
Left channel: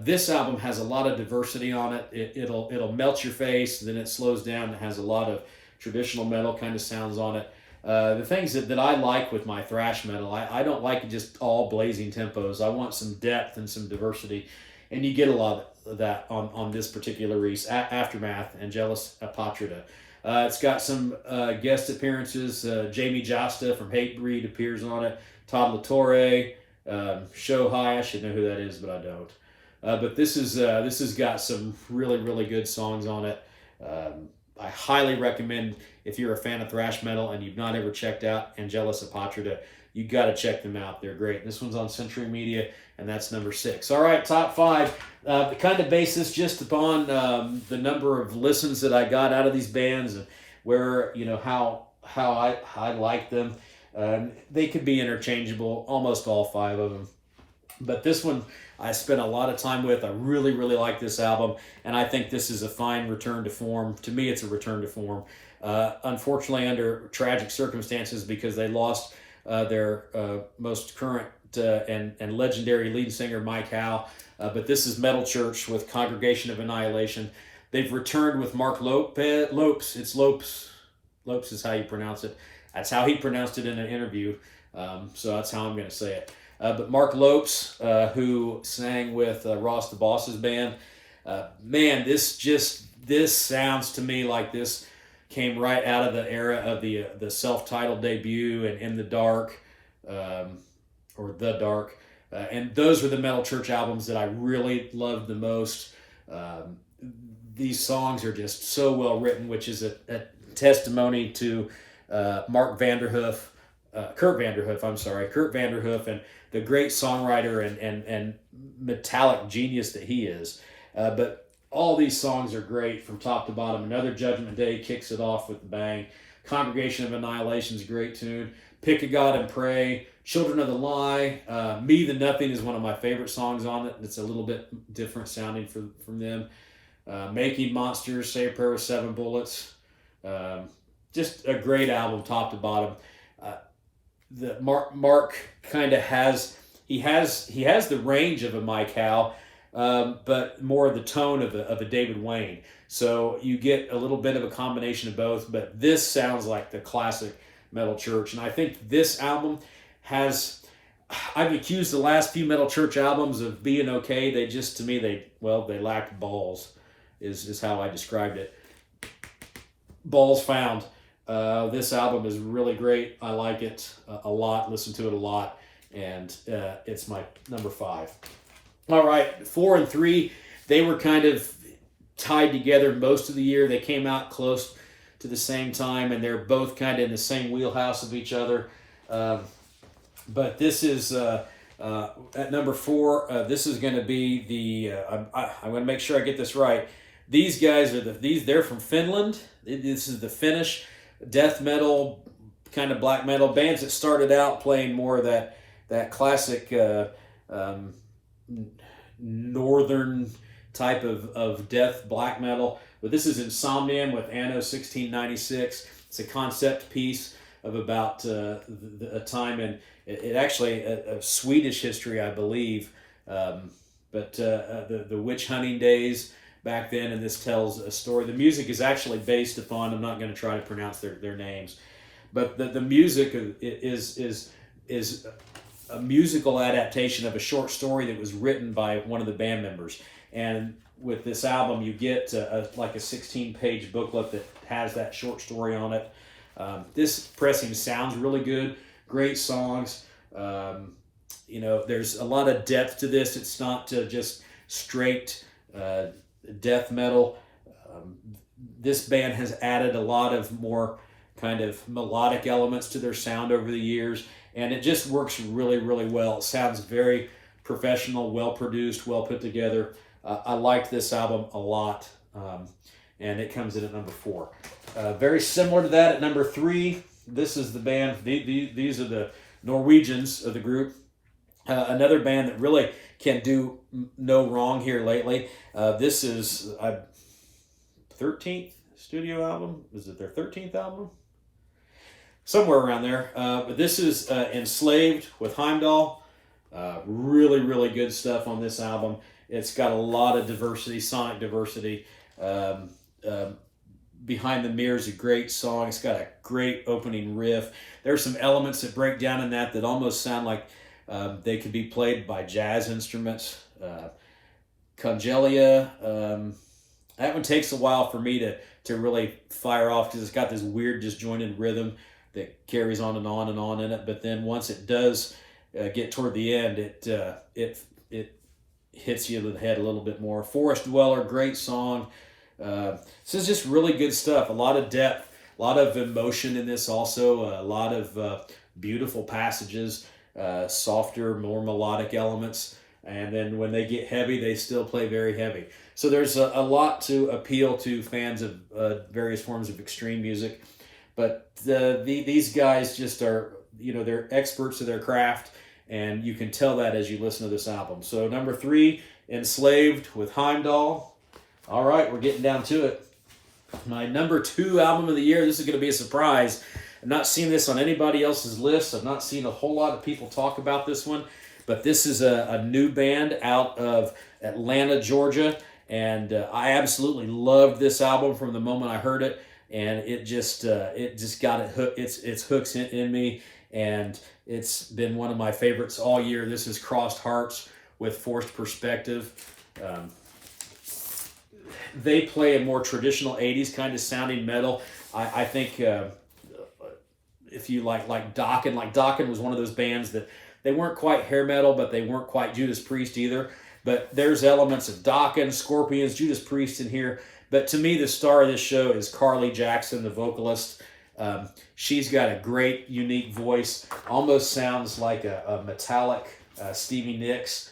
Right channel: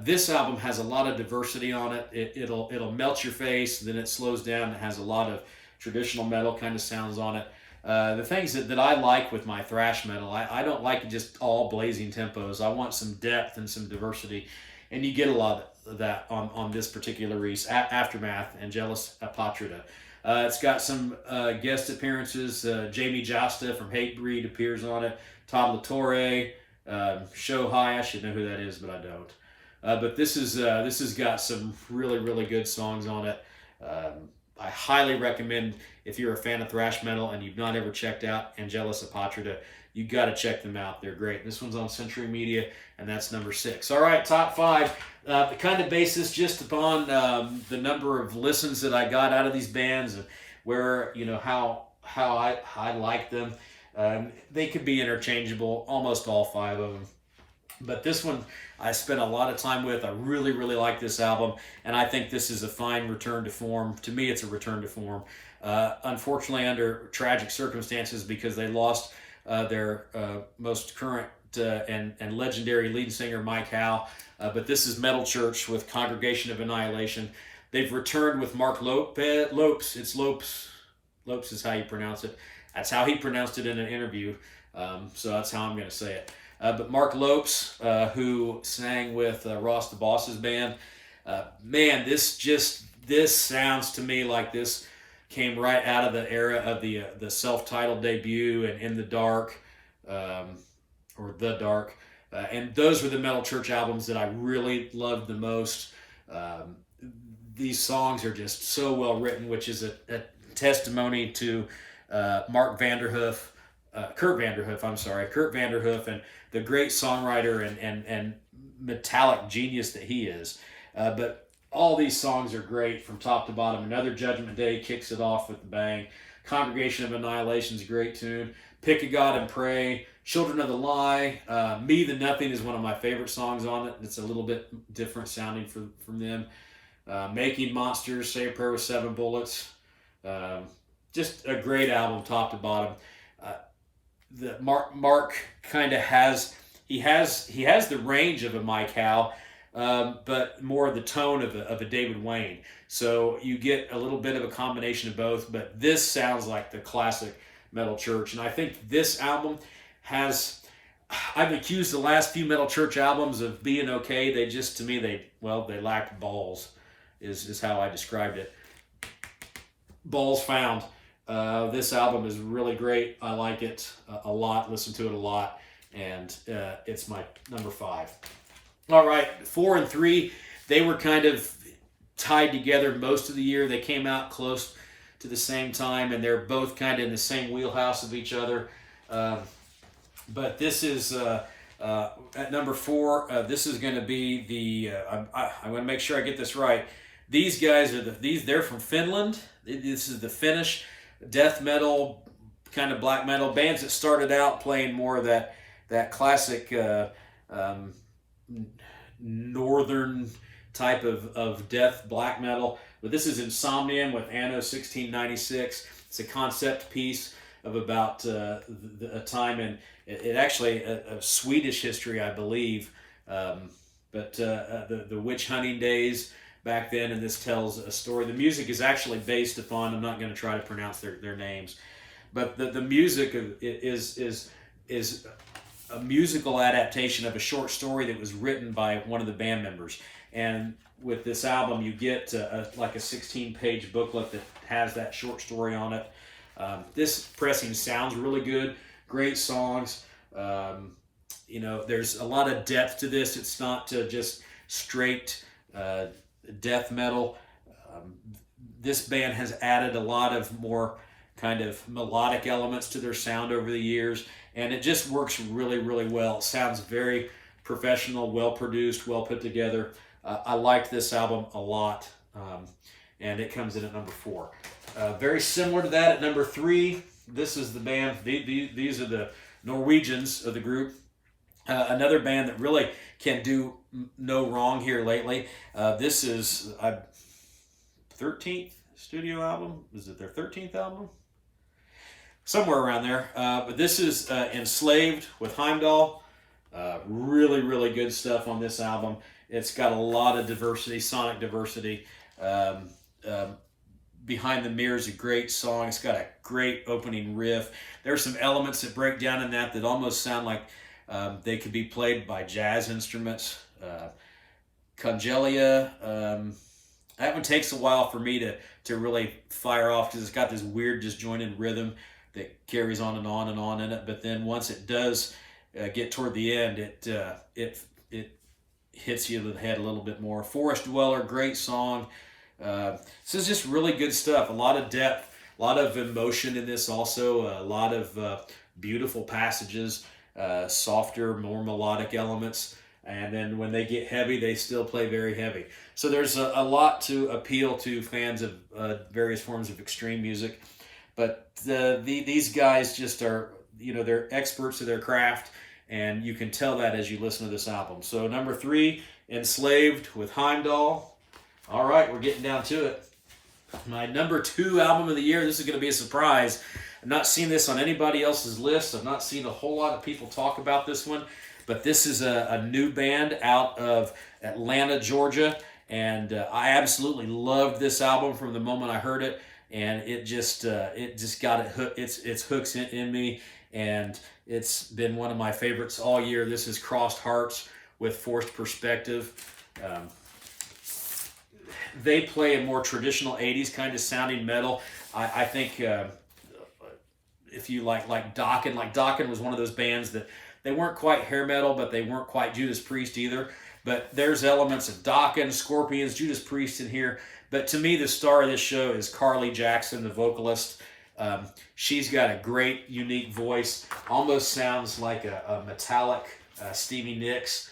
This album has a lot of diversity on it. It'll melt your face, then it slows down. It has a lot of traditional metal kind of sounds on it. The things that I like with my thrash metal, I don't like just all blazing tempos. I want some depth and some diversity, and you get a lot of that on this particular release, Aftermath, Angelus Apatrida. It's got some guest appearances. Jamie Jasta from Hatebreed appears on it. Todd LaTorre. Shohei, I should know who that is, but I don't. But this has got some really good songs on it. I highly recommend, if you're a fan of thrash metal and you've not ever checked out Angelus Apatrida, you got to check them out. They're great. This one's on Century Media, and that's number 6. All right, top 5. Kind of base this just upon the number of listens that I got out of these bands and where how I like them. They could be interchangeable, almost all 5 of them. But this one I spent a lot of time with. I really like this album, and I think this is a fine return to form. To me, it's a return to form. Unfortunately, under tragic circumstances, because they lost their most current and legendary lead singer, Mike Howe. But this is Metal Church with Congregation of Annihilation. They've returned with Mark Lopes. It's Lopes. Lopes is how you pronounce it. That's how he pronounced it in an interview, so that's how I'm going to say it. But Mark Lopes, who sang with Ross the Boss's band, man, this sounds to me like this came right out of the era of the self-titled debut and In the Dark, or The Dark, and those were the Metal Church albums that I really loved the most. These songs are just so well written, which is a testimony to Mark Vanderhoof, Kurt Vanderhoof, I'm sorry, Kurt Vanderhoof, and the great songwriter and metallic genius that he is. But all these songs are great from top to bottom. Another Judgment Day kicks it off with the bang. Congregation of Annihilation is a great tune. Pick a God and Pray. Children of the Lie. Me the Nothing is one of my favorite songs on it. It's a little bit different sounding from them. Making Monsters, Say a Prayer with 7 Bullets. Just a great album, top to bottom. The Mark kind of has the range of a Mike Howe, but more the tone of a David Wayne. So you get a little bit of a combination of both. But this sounds like the classic Metal Church, and I think this album has. I've accused the last few Metal Church albums of being okay. They just, to me, they lacked balls, is how I described it. Balls found. This album is really great. I like it a lot, listen to it a lot, and it's my number 5. All right, 4 and 3, they were kind of tied together most of the year. They came out close to the same time, and they're both kind of in the same wheelhouse of each other. But this is at number 4. This is going to be the. I want to make sure I get this right. These guys are they're from Finland. This is the Finnish death metal, kind of black metal bands that started out playing more of that classic northern type of death black metal. But this is Insomnium with Anno 1696. It's a concept piece of about a time in it actually a Swedish history, I believe. But the witch hunting days back then, and this tells a story. The music is actually based upon, I'm not going to try to pronounce their names, but the music is a musical adaptation of a short story that was written by one of the band members. And with this album, you get like a 16-page booklet that has that short story on it. This pressing sounds really good. Great songs. There's a lot of depth to this. It's not just straight death metal. This band has added a lot of more kind of melodic elements to their sound over the years, and it just works really, really well. It sounds very professional, well produced, well put together. I liked this album a lot, and it comes in at number 4. Very similar to that at number 3. This is the band. These are the Norwegians of the group. Another band that really can do no wrong here lately. This is 13th studio album. Is it their 13th album? Somewhere around there. But this is Enslaved with Heimdall. Really, really good stuff on this album. It's got a lot of diversity, sonic diversity. Behind the Mirror is a great song. It's got a great opening riff. There's some elements that break down in that almost sound like they could be played by jazz instruments. Congelia, that one takes a while for me to really fire off because it's got this weird disjointed rhythm that carries on and on and on in it. But then once it does get toward the end, it hits you in the head a little bit more. Forest Dweller, great song. This is just really good stuff. A lot of depth, a lot of emotion in this also. A lot of beautiful passages, softer, more melodic elements. And then when they get heavy, they still play very heavy. So there's a lot to appeal to fans of various forms of extreme music. But these guys just are, they're experts of their craft, and you can tell that as you listen to this album. So number 3, Enslaved with Heimdall. All right, we're getting down to it. My number 2 album of the year, this is going to be a surprise. I've not seen this on anybody else's list. I've not seen a whole lot of people talk about this one. But this is a new band out of Atlanta, Georgia. And I absolutely loved this album from the moment I heard it. And it just got its hooks in me. And it's been one of my favorites all year. This is Crossed Hearts with Forced Perspective. They play a more traditional 80s kind of sounding metal. I think if you like Dokken was one of those bands that they weren't quite hair metal, but they weren't quite Judas Priest either. But there's elements of Dokken, Scorpions, Judas Priest in here. But to me, the star of this show is Carly Jackson, the vocalist. She's got a great, unique voice. Almost sounds like a metallic Stevie Nicks.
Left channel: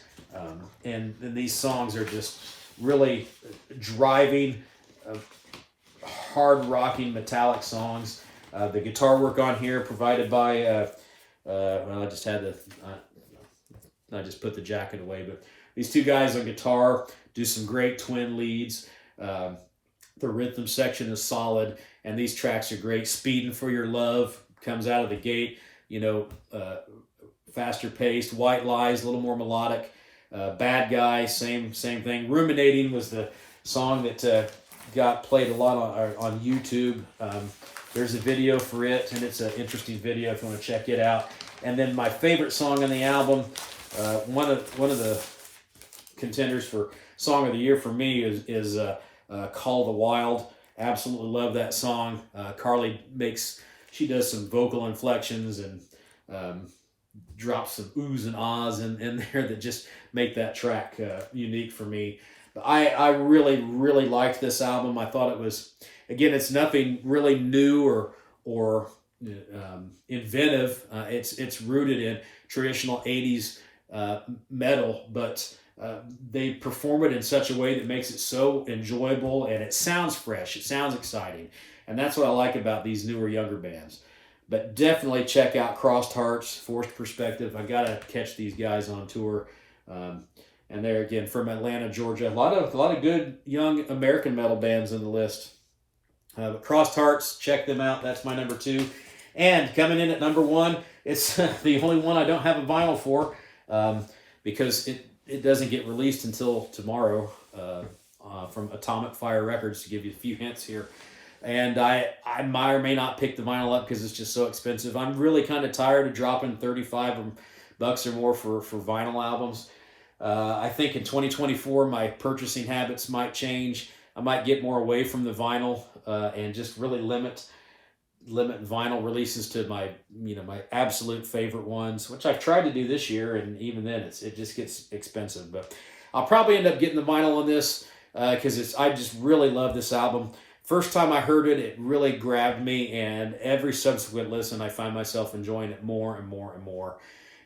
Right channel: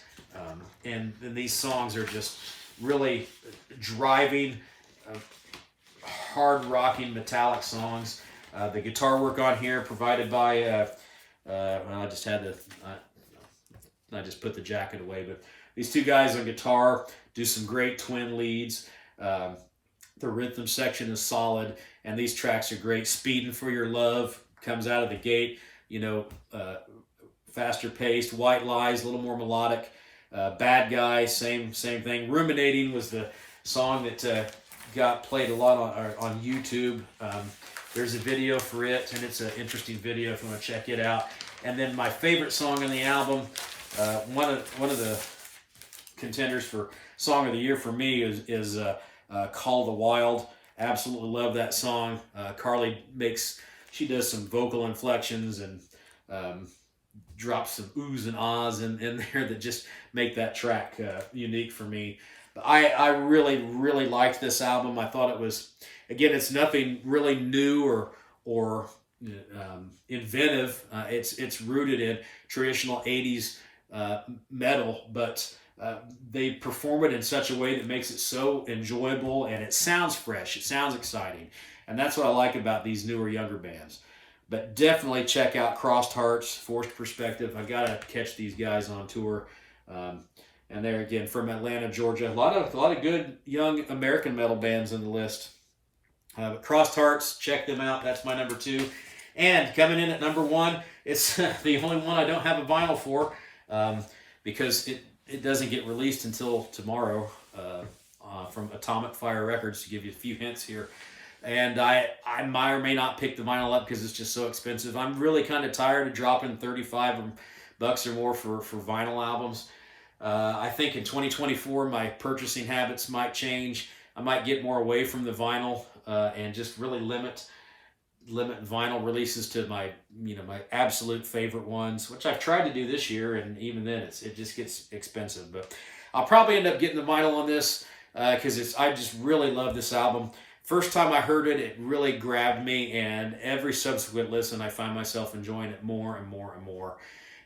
And these songs are just really driving, hard rocking metallic songs. The guitar work on here provided by, well, I just had to, I just put the jacket away, but these two guys on guitar do some great twin leads. The rhythm section is solid, and these tracks are great. Speeding for Your Love comes out of the gate, you know, faster paced. White Lies, a little more melodic. Bad Guy, same thing. Ruminating was the song that got played a lot on YouTube. There's a video for it, and it's an interesting video if you want to check it out. And then my favorite song on the album, one of the contenders for Song of the Year for me is Call of the Wild. Absolutely love that song. Carly she does some vocal inflections and drops some oohs and ahs in there that just make that track unique for me. But I really, really liked this album. I thought it was, again, it's nothing really new or inventive. It's rooted in traditional 80s metal, but they perform it in such a way that makes it so enjoyable, and it sounds fresh. It sounds exciting. And that's what I like about these newer, younger bands. But definitely check out Crossed Hearts, Forced Perspective. I got to catch these guys on tour. And they're, again, from Atlanta, Georgia. A lot of good young American metal bands in the list. But Crossed Hearts, check them out. That's my number 2. And coming in at number 1, it's the only one I don't have a vinyl for, because it doesn't get released until tomorrow, from Atomic Fire Records, to give you a few hints here. And I might or may not pick the vinyl up because it's just so expensive. I'm really kind of tired of dropping $35 or more for vinyl albums. I think in 2024 my purchasing habits might change. I might get more away from the vinyl and just really limit vinyl releases to my absolute favorite ones, which I've tried to do this year, and even then it just gets expensive. But I'll probably end up getting the vinyl on this because I just really love this album. First time I heard it, it really grabbed me, and every subsequent listen, I find myself enjoying it more and more and more.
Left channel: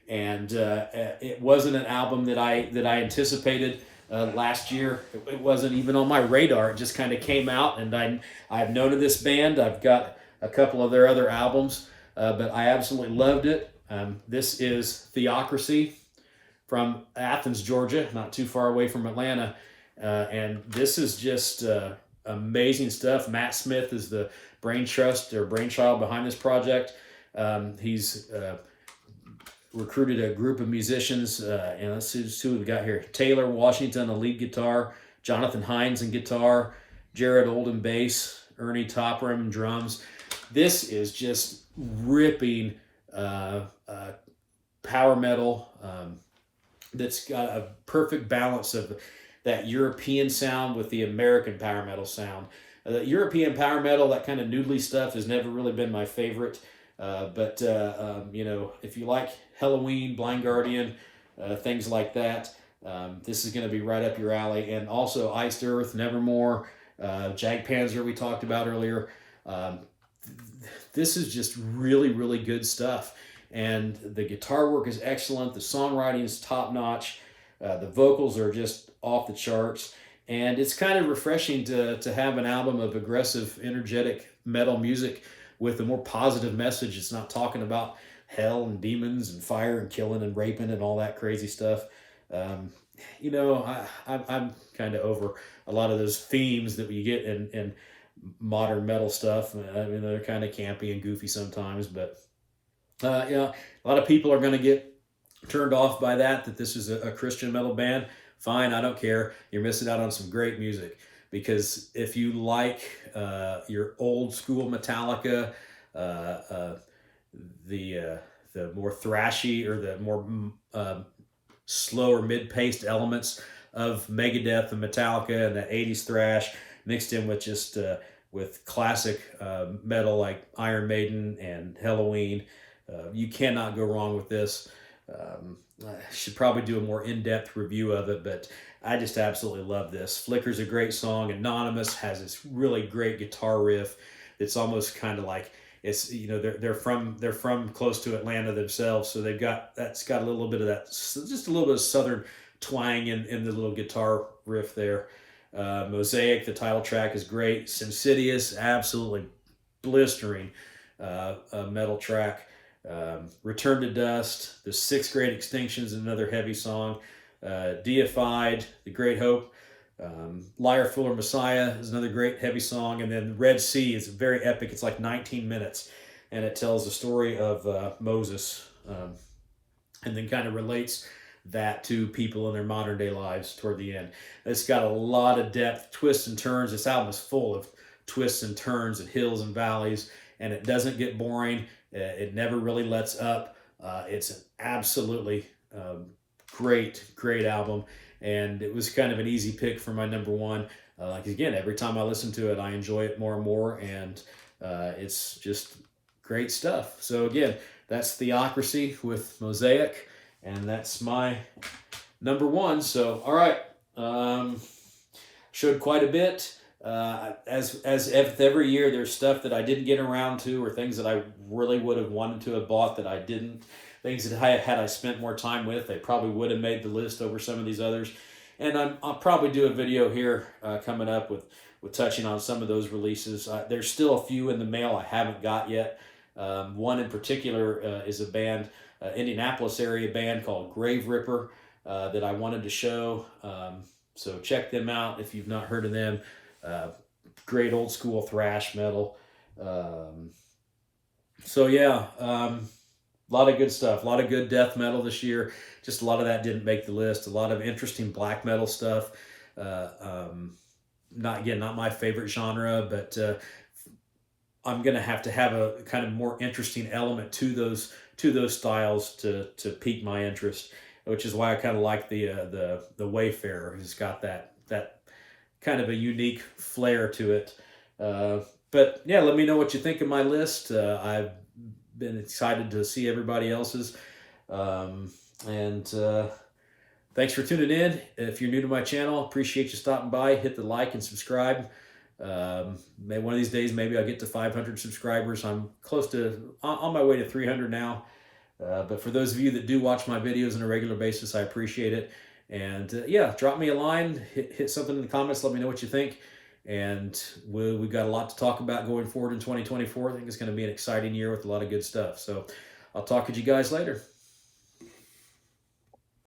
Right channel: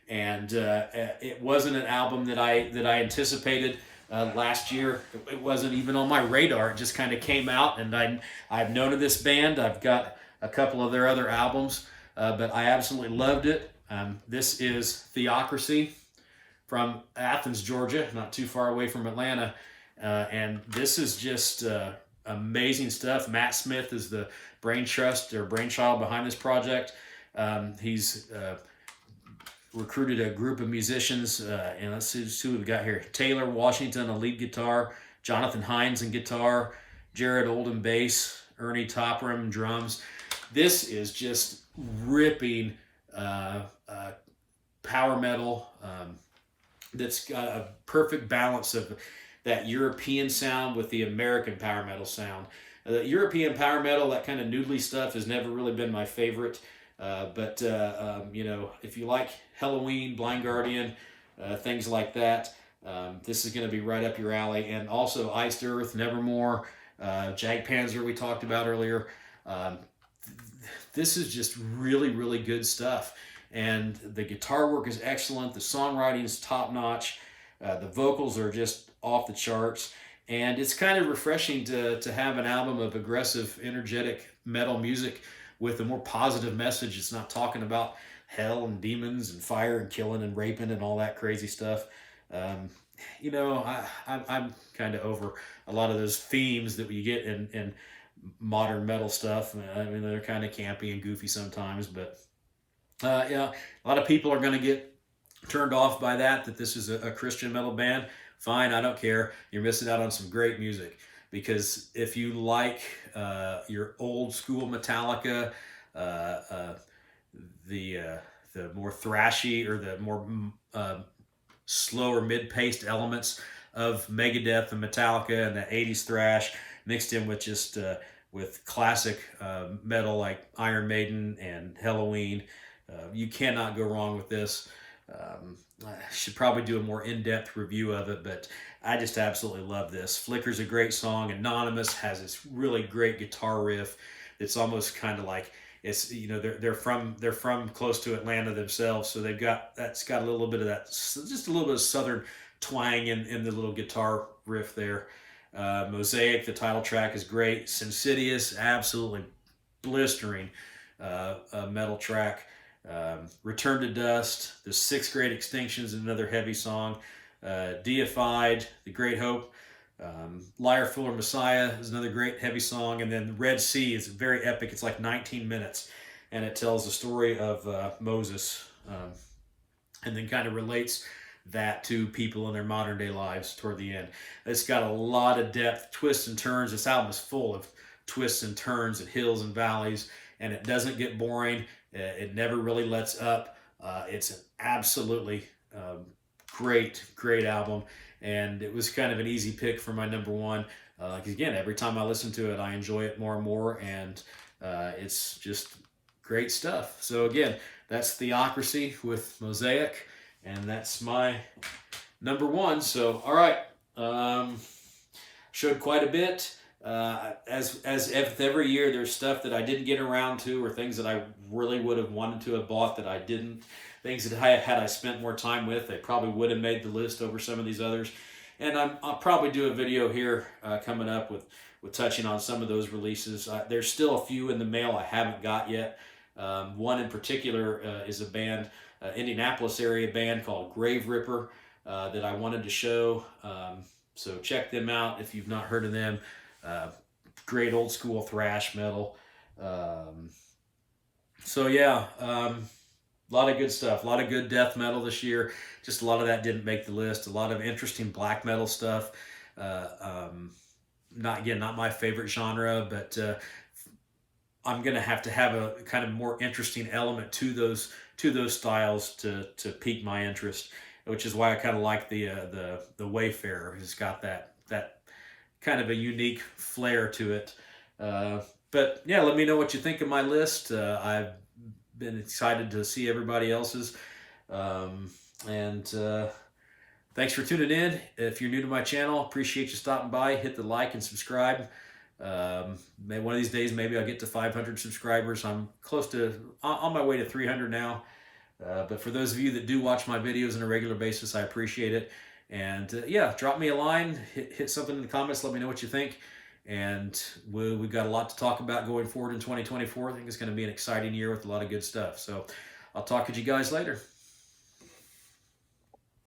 And it wasn't an album that I anticipated last year. It wasn't even on my radar. It just kind of came out, and I've known of this band. I've got a couple of their other albums, but I absolutely loved it. This is Theocracy from Athens, Georgia, not too far away from Atlanta, and this is just amazing stuff. Matt Smith is the brainchild behind this project. He's recruited a group of musicians, and let's see who we've got here. Taylor Washington on lead guitar, Jonathan Hines on guitar, Jared Oldham bass, Ernie Topham drums. This is just ripping power metal that's got a perfect balance of that European sound with the American power metal sound. European power metal, that kind of noodly stuff, has never really been my favorite. But if you like Halloween, Blind Guardian, things like that, this is going to be right up your alley. And also Iced Earth, Nevermore, Jagdpanzer we talked about earlier. This is just really, really good stuff. And the guitar work is excellent. The songwriting is top-notch. The vocals are just off the charts. And it's kind of refreshing to have an album of aggressive, energetic metal music with a more positive message. It's not talking about hell and demons and fire and killing and raping and all that crazy stuff. I'm kind of over a lot of those themes that you get in modern metal stuff. I mean, they're kind of campy and goofy sometimes, but a lot of people are going to get turned off by that this is a Christian metal band. Fine, I don't care. You're missing out on some great music. Because if you like your old school Metallica, the more thrashy or the more slower mid-paced elements of Megadeth and Metallica and the 80s thrash mixed in with just with classic metal like Iron Maiden and Halloween, you cannot go wrong with this. I should probably do a more in-depth review of it, but I just absolutely love this. Flicker's a great song. Anonymous has this really great guitar riff that's almost kind of like it's, you know, they're from close to Atlanta themselves, so that's got a little bit of that, just a little bit of southern twang in the little guitar riff there. Mosaic, the title track, is great. Sinsidious, absolutely blistering metal track. Return to Dust, The Sixth Great Extinction is another heavy song. Deified, The Great Hope. Liar, Fool, or Messiah is another great heavy song. And then Red Sea is very epic. It's like 19 minutes, and it tells the story of Moses, and then kind of relates that to people in their modern day lives toward the end. It's got a lot of depth, twists and turns. This album is full of twists and turns and hills and valleys, and it doesn't get boring. It never really lets up. It's an absolutely great album, and it was kind of an easy pick for my number one. Like, again, every time I listen to it, I enjoy it more and more, and it's just great stuff. So again, that's Theocracy with Mosaic, and that's my number one. So, all right, showed quite a bit. As every year, there's stuff that I didn't get around to, or things that I really would have wanted to have bought that I didn't. Things that had I spent more time with, they probably would have made the list over some of these others. And I'll probably do a video here coming up with touching on some of those releases. There's still a few in the mail I haven't got yet. One in particular is a band, Indianapolis area band called Grave Ripper, that I wanted to show. So check them out if you've not heard of them. Great old school thrash metal. So yeah, a lot of good stuff, a lot of good death metal this year. Just a lot of that didn't make the list. A lot of interesting black metal stuff. Not my favorite genre, but I'm gonna have to have a kind of more interesting element to those styles to pique my interest, which is why I kind of like the Wayfarer. It's got that kind of a unique flair to it. But yeah, let me know what you think of my list. I've been excited to see everybody else's. Thanks for tuning in. If you're new to my channel, appreciate you stopping by. Hit the like and subscribe. Maybe one of these days, maybe I'll get to 500 subscribers. I'm close to, on my way to 300 now. But for those of you that do watch my videos on a regular basis, I appreciate it. And yeah, drop me a line, hit something in the comments, let me know what you think. And we've got a lot to talk about going forward in 2024. I think it's going to be an exciting year with a lot of good stuff. So I'll talk to you guys later.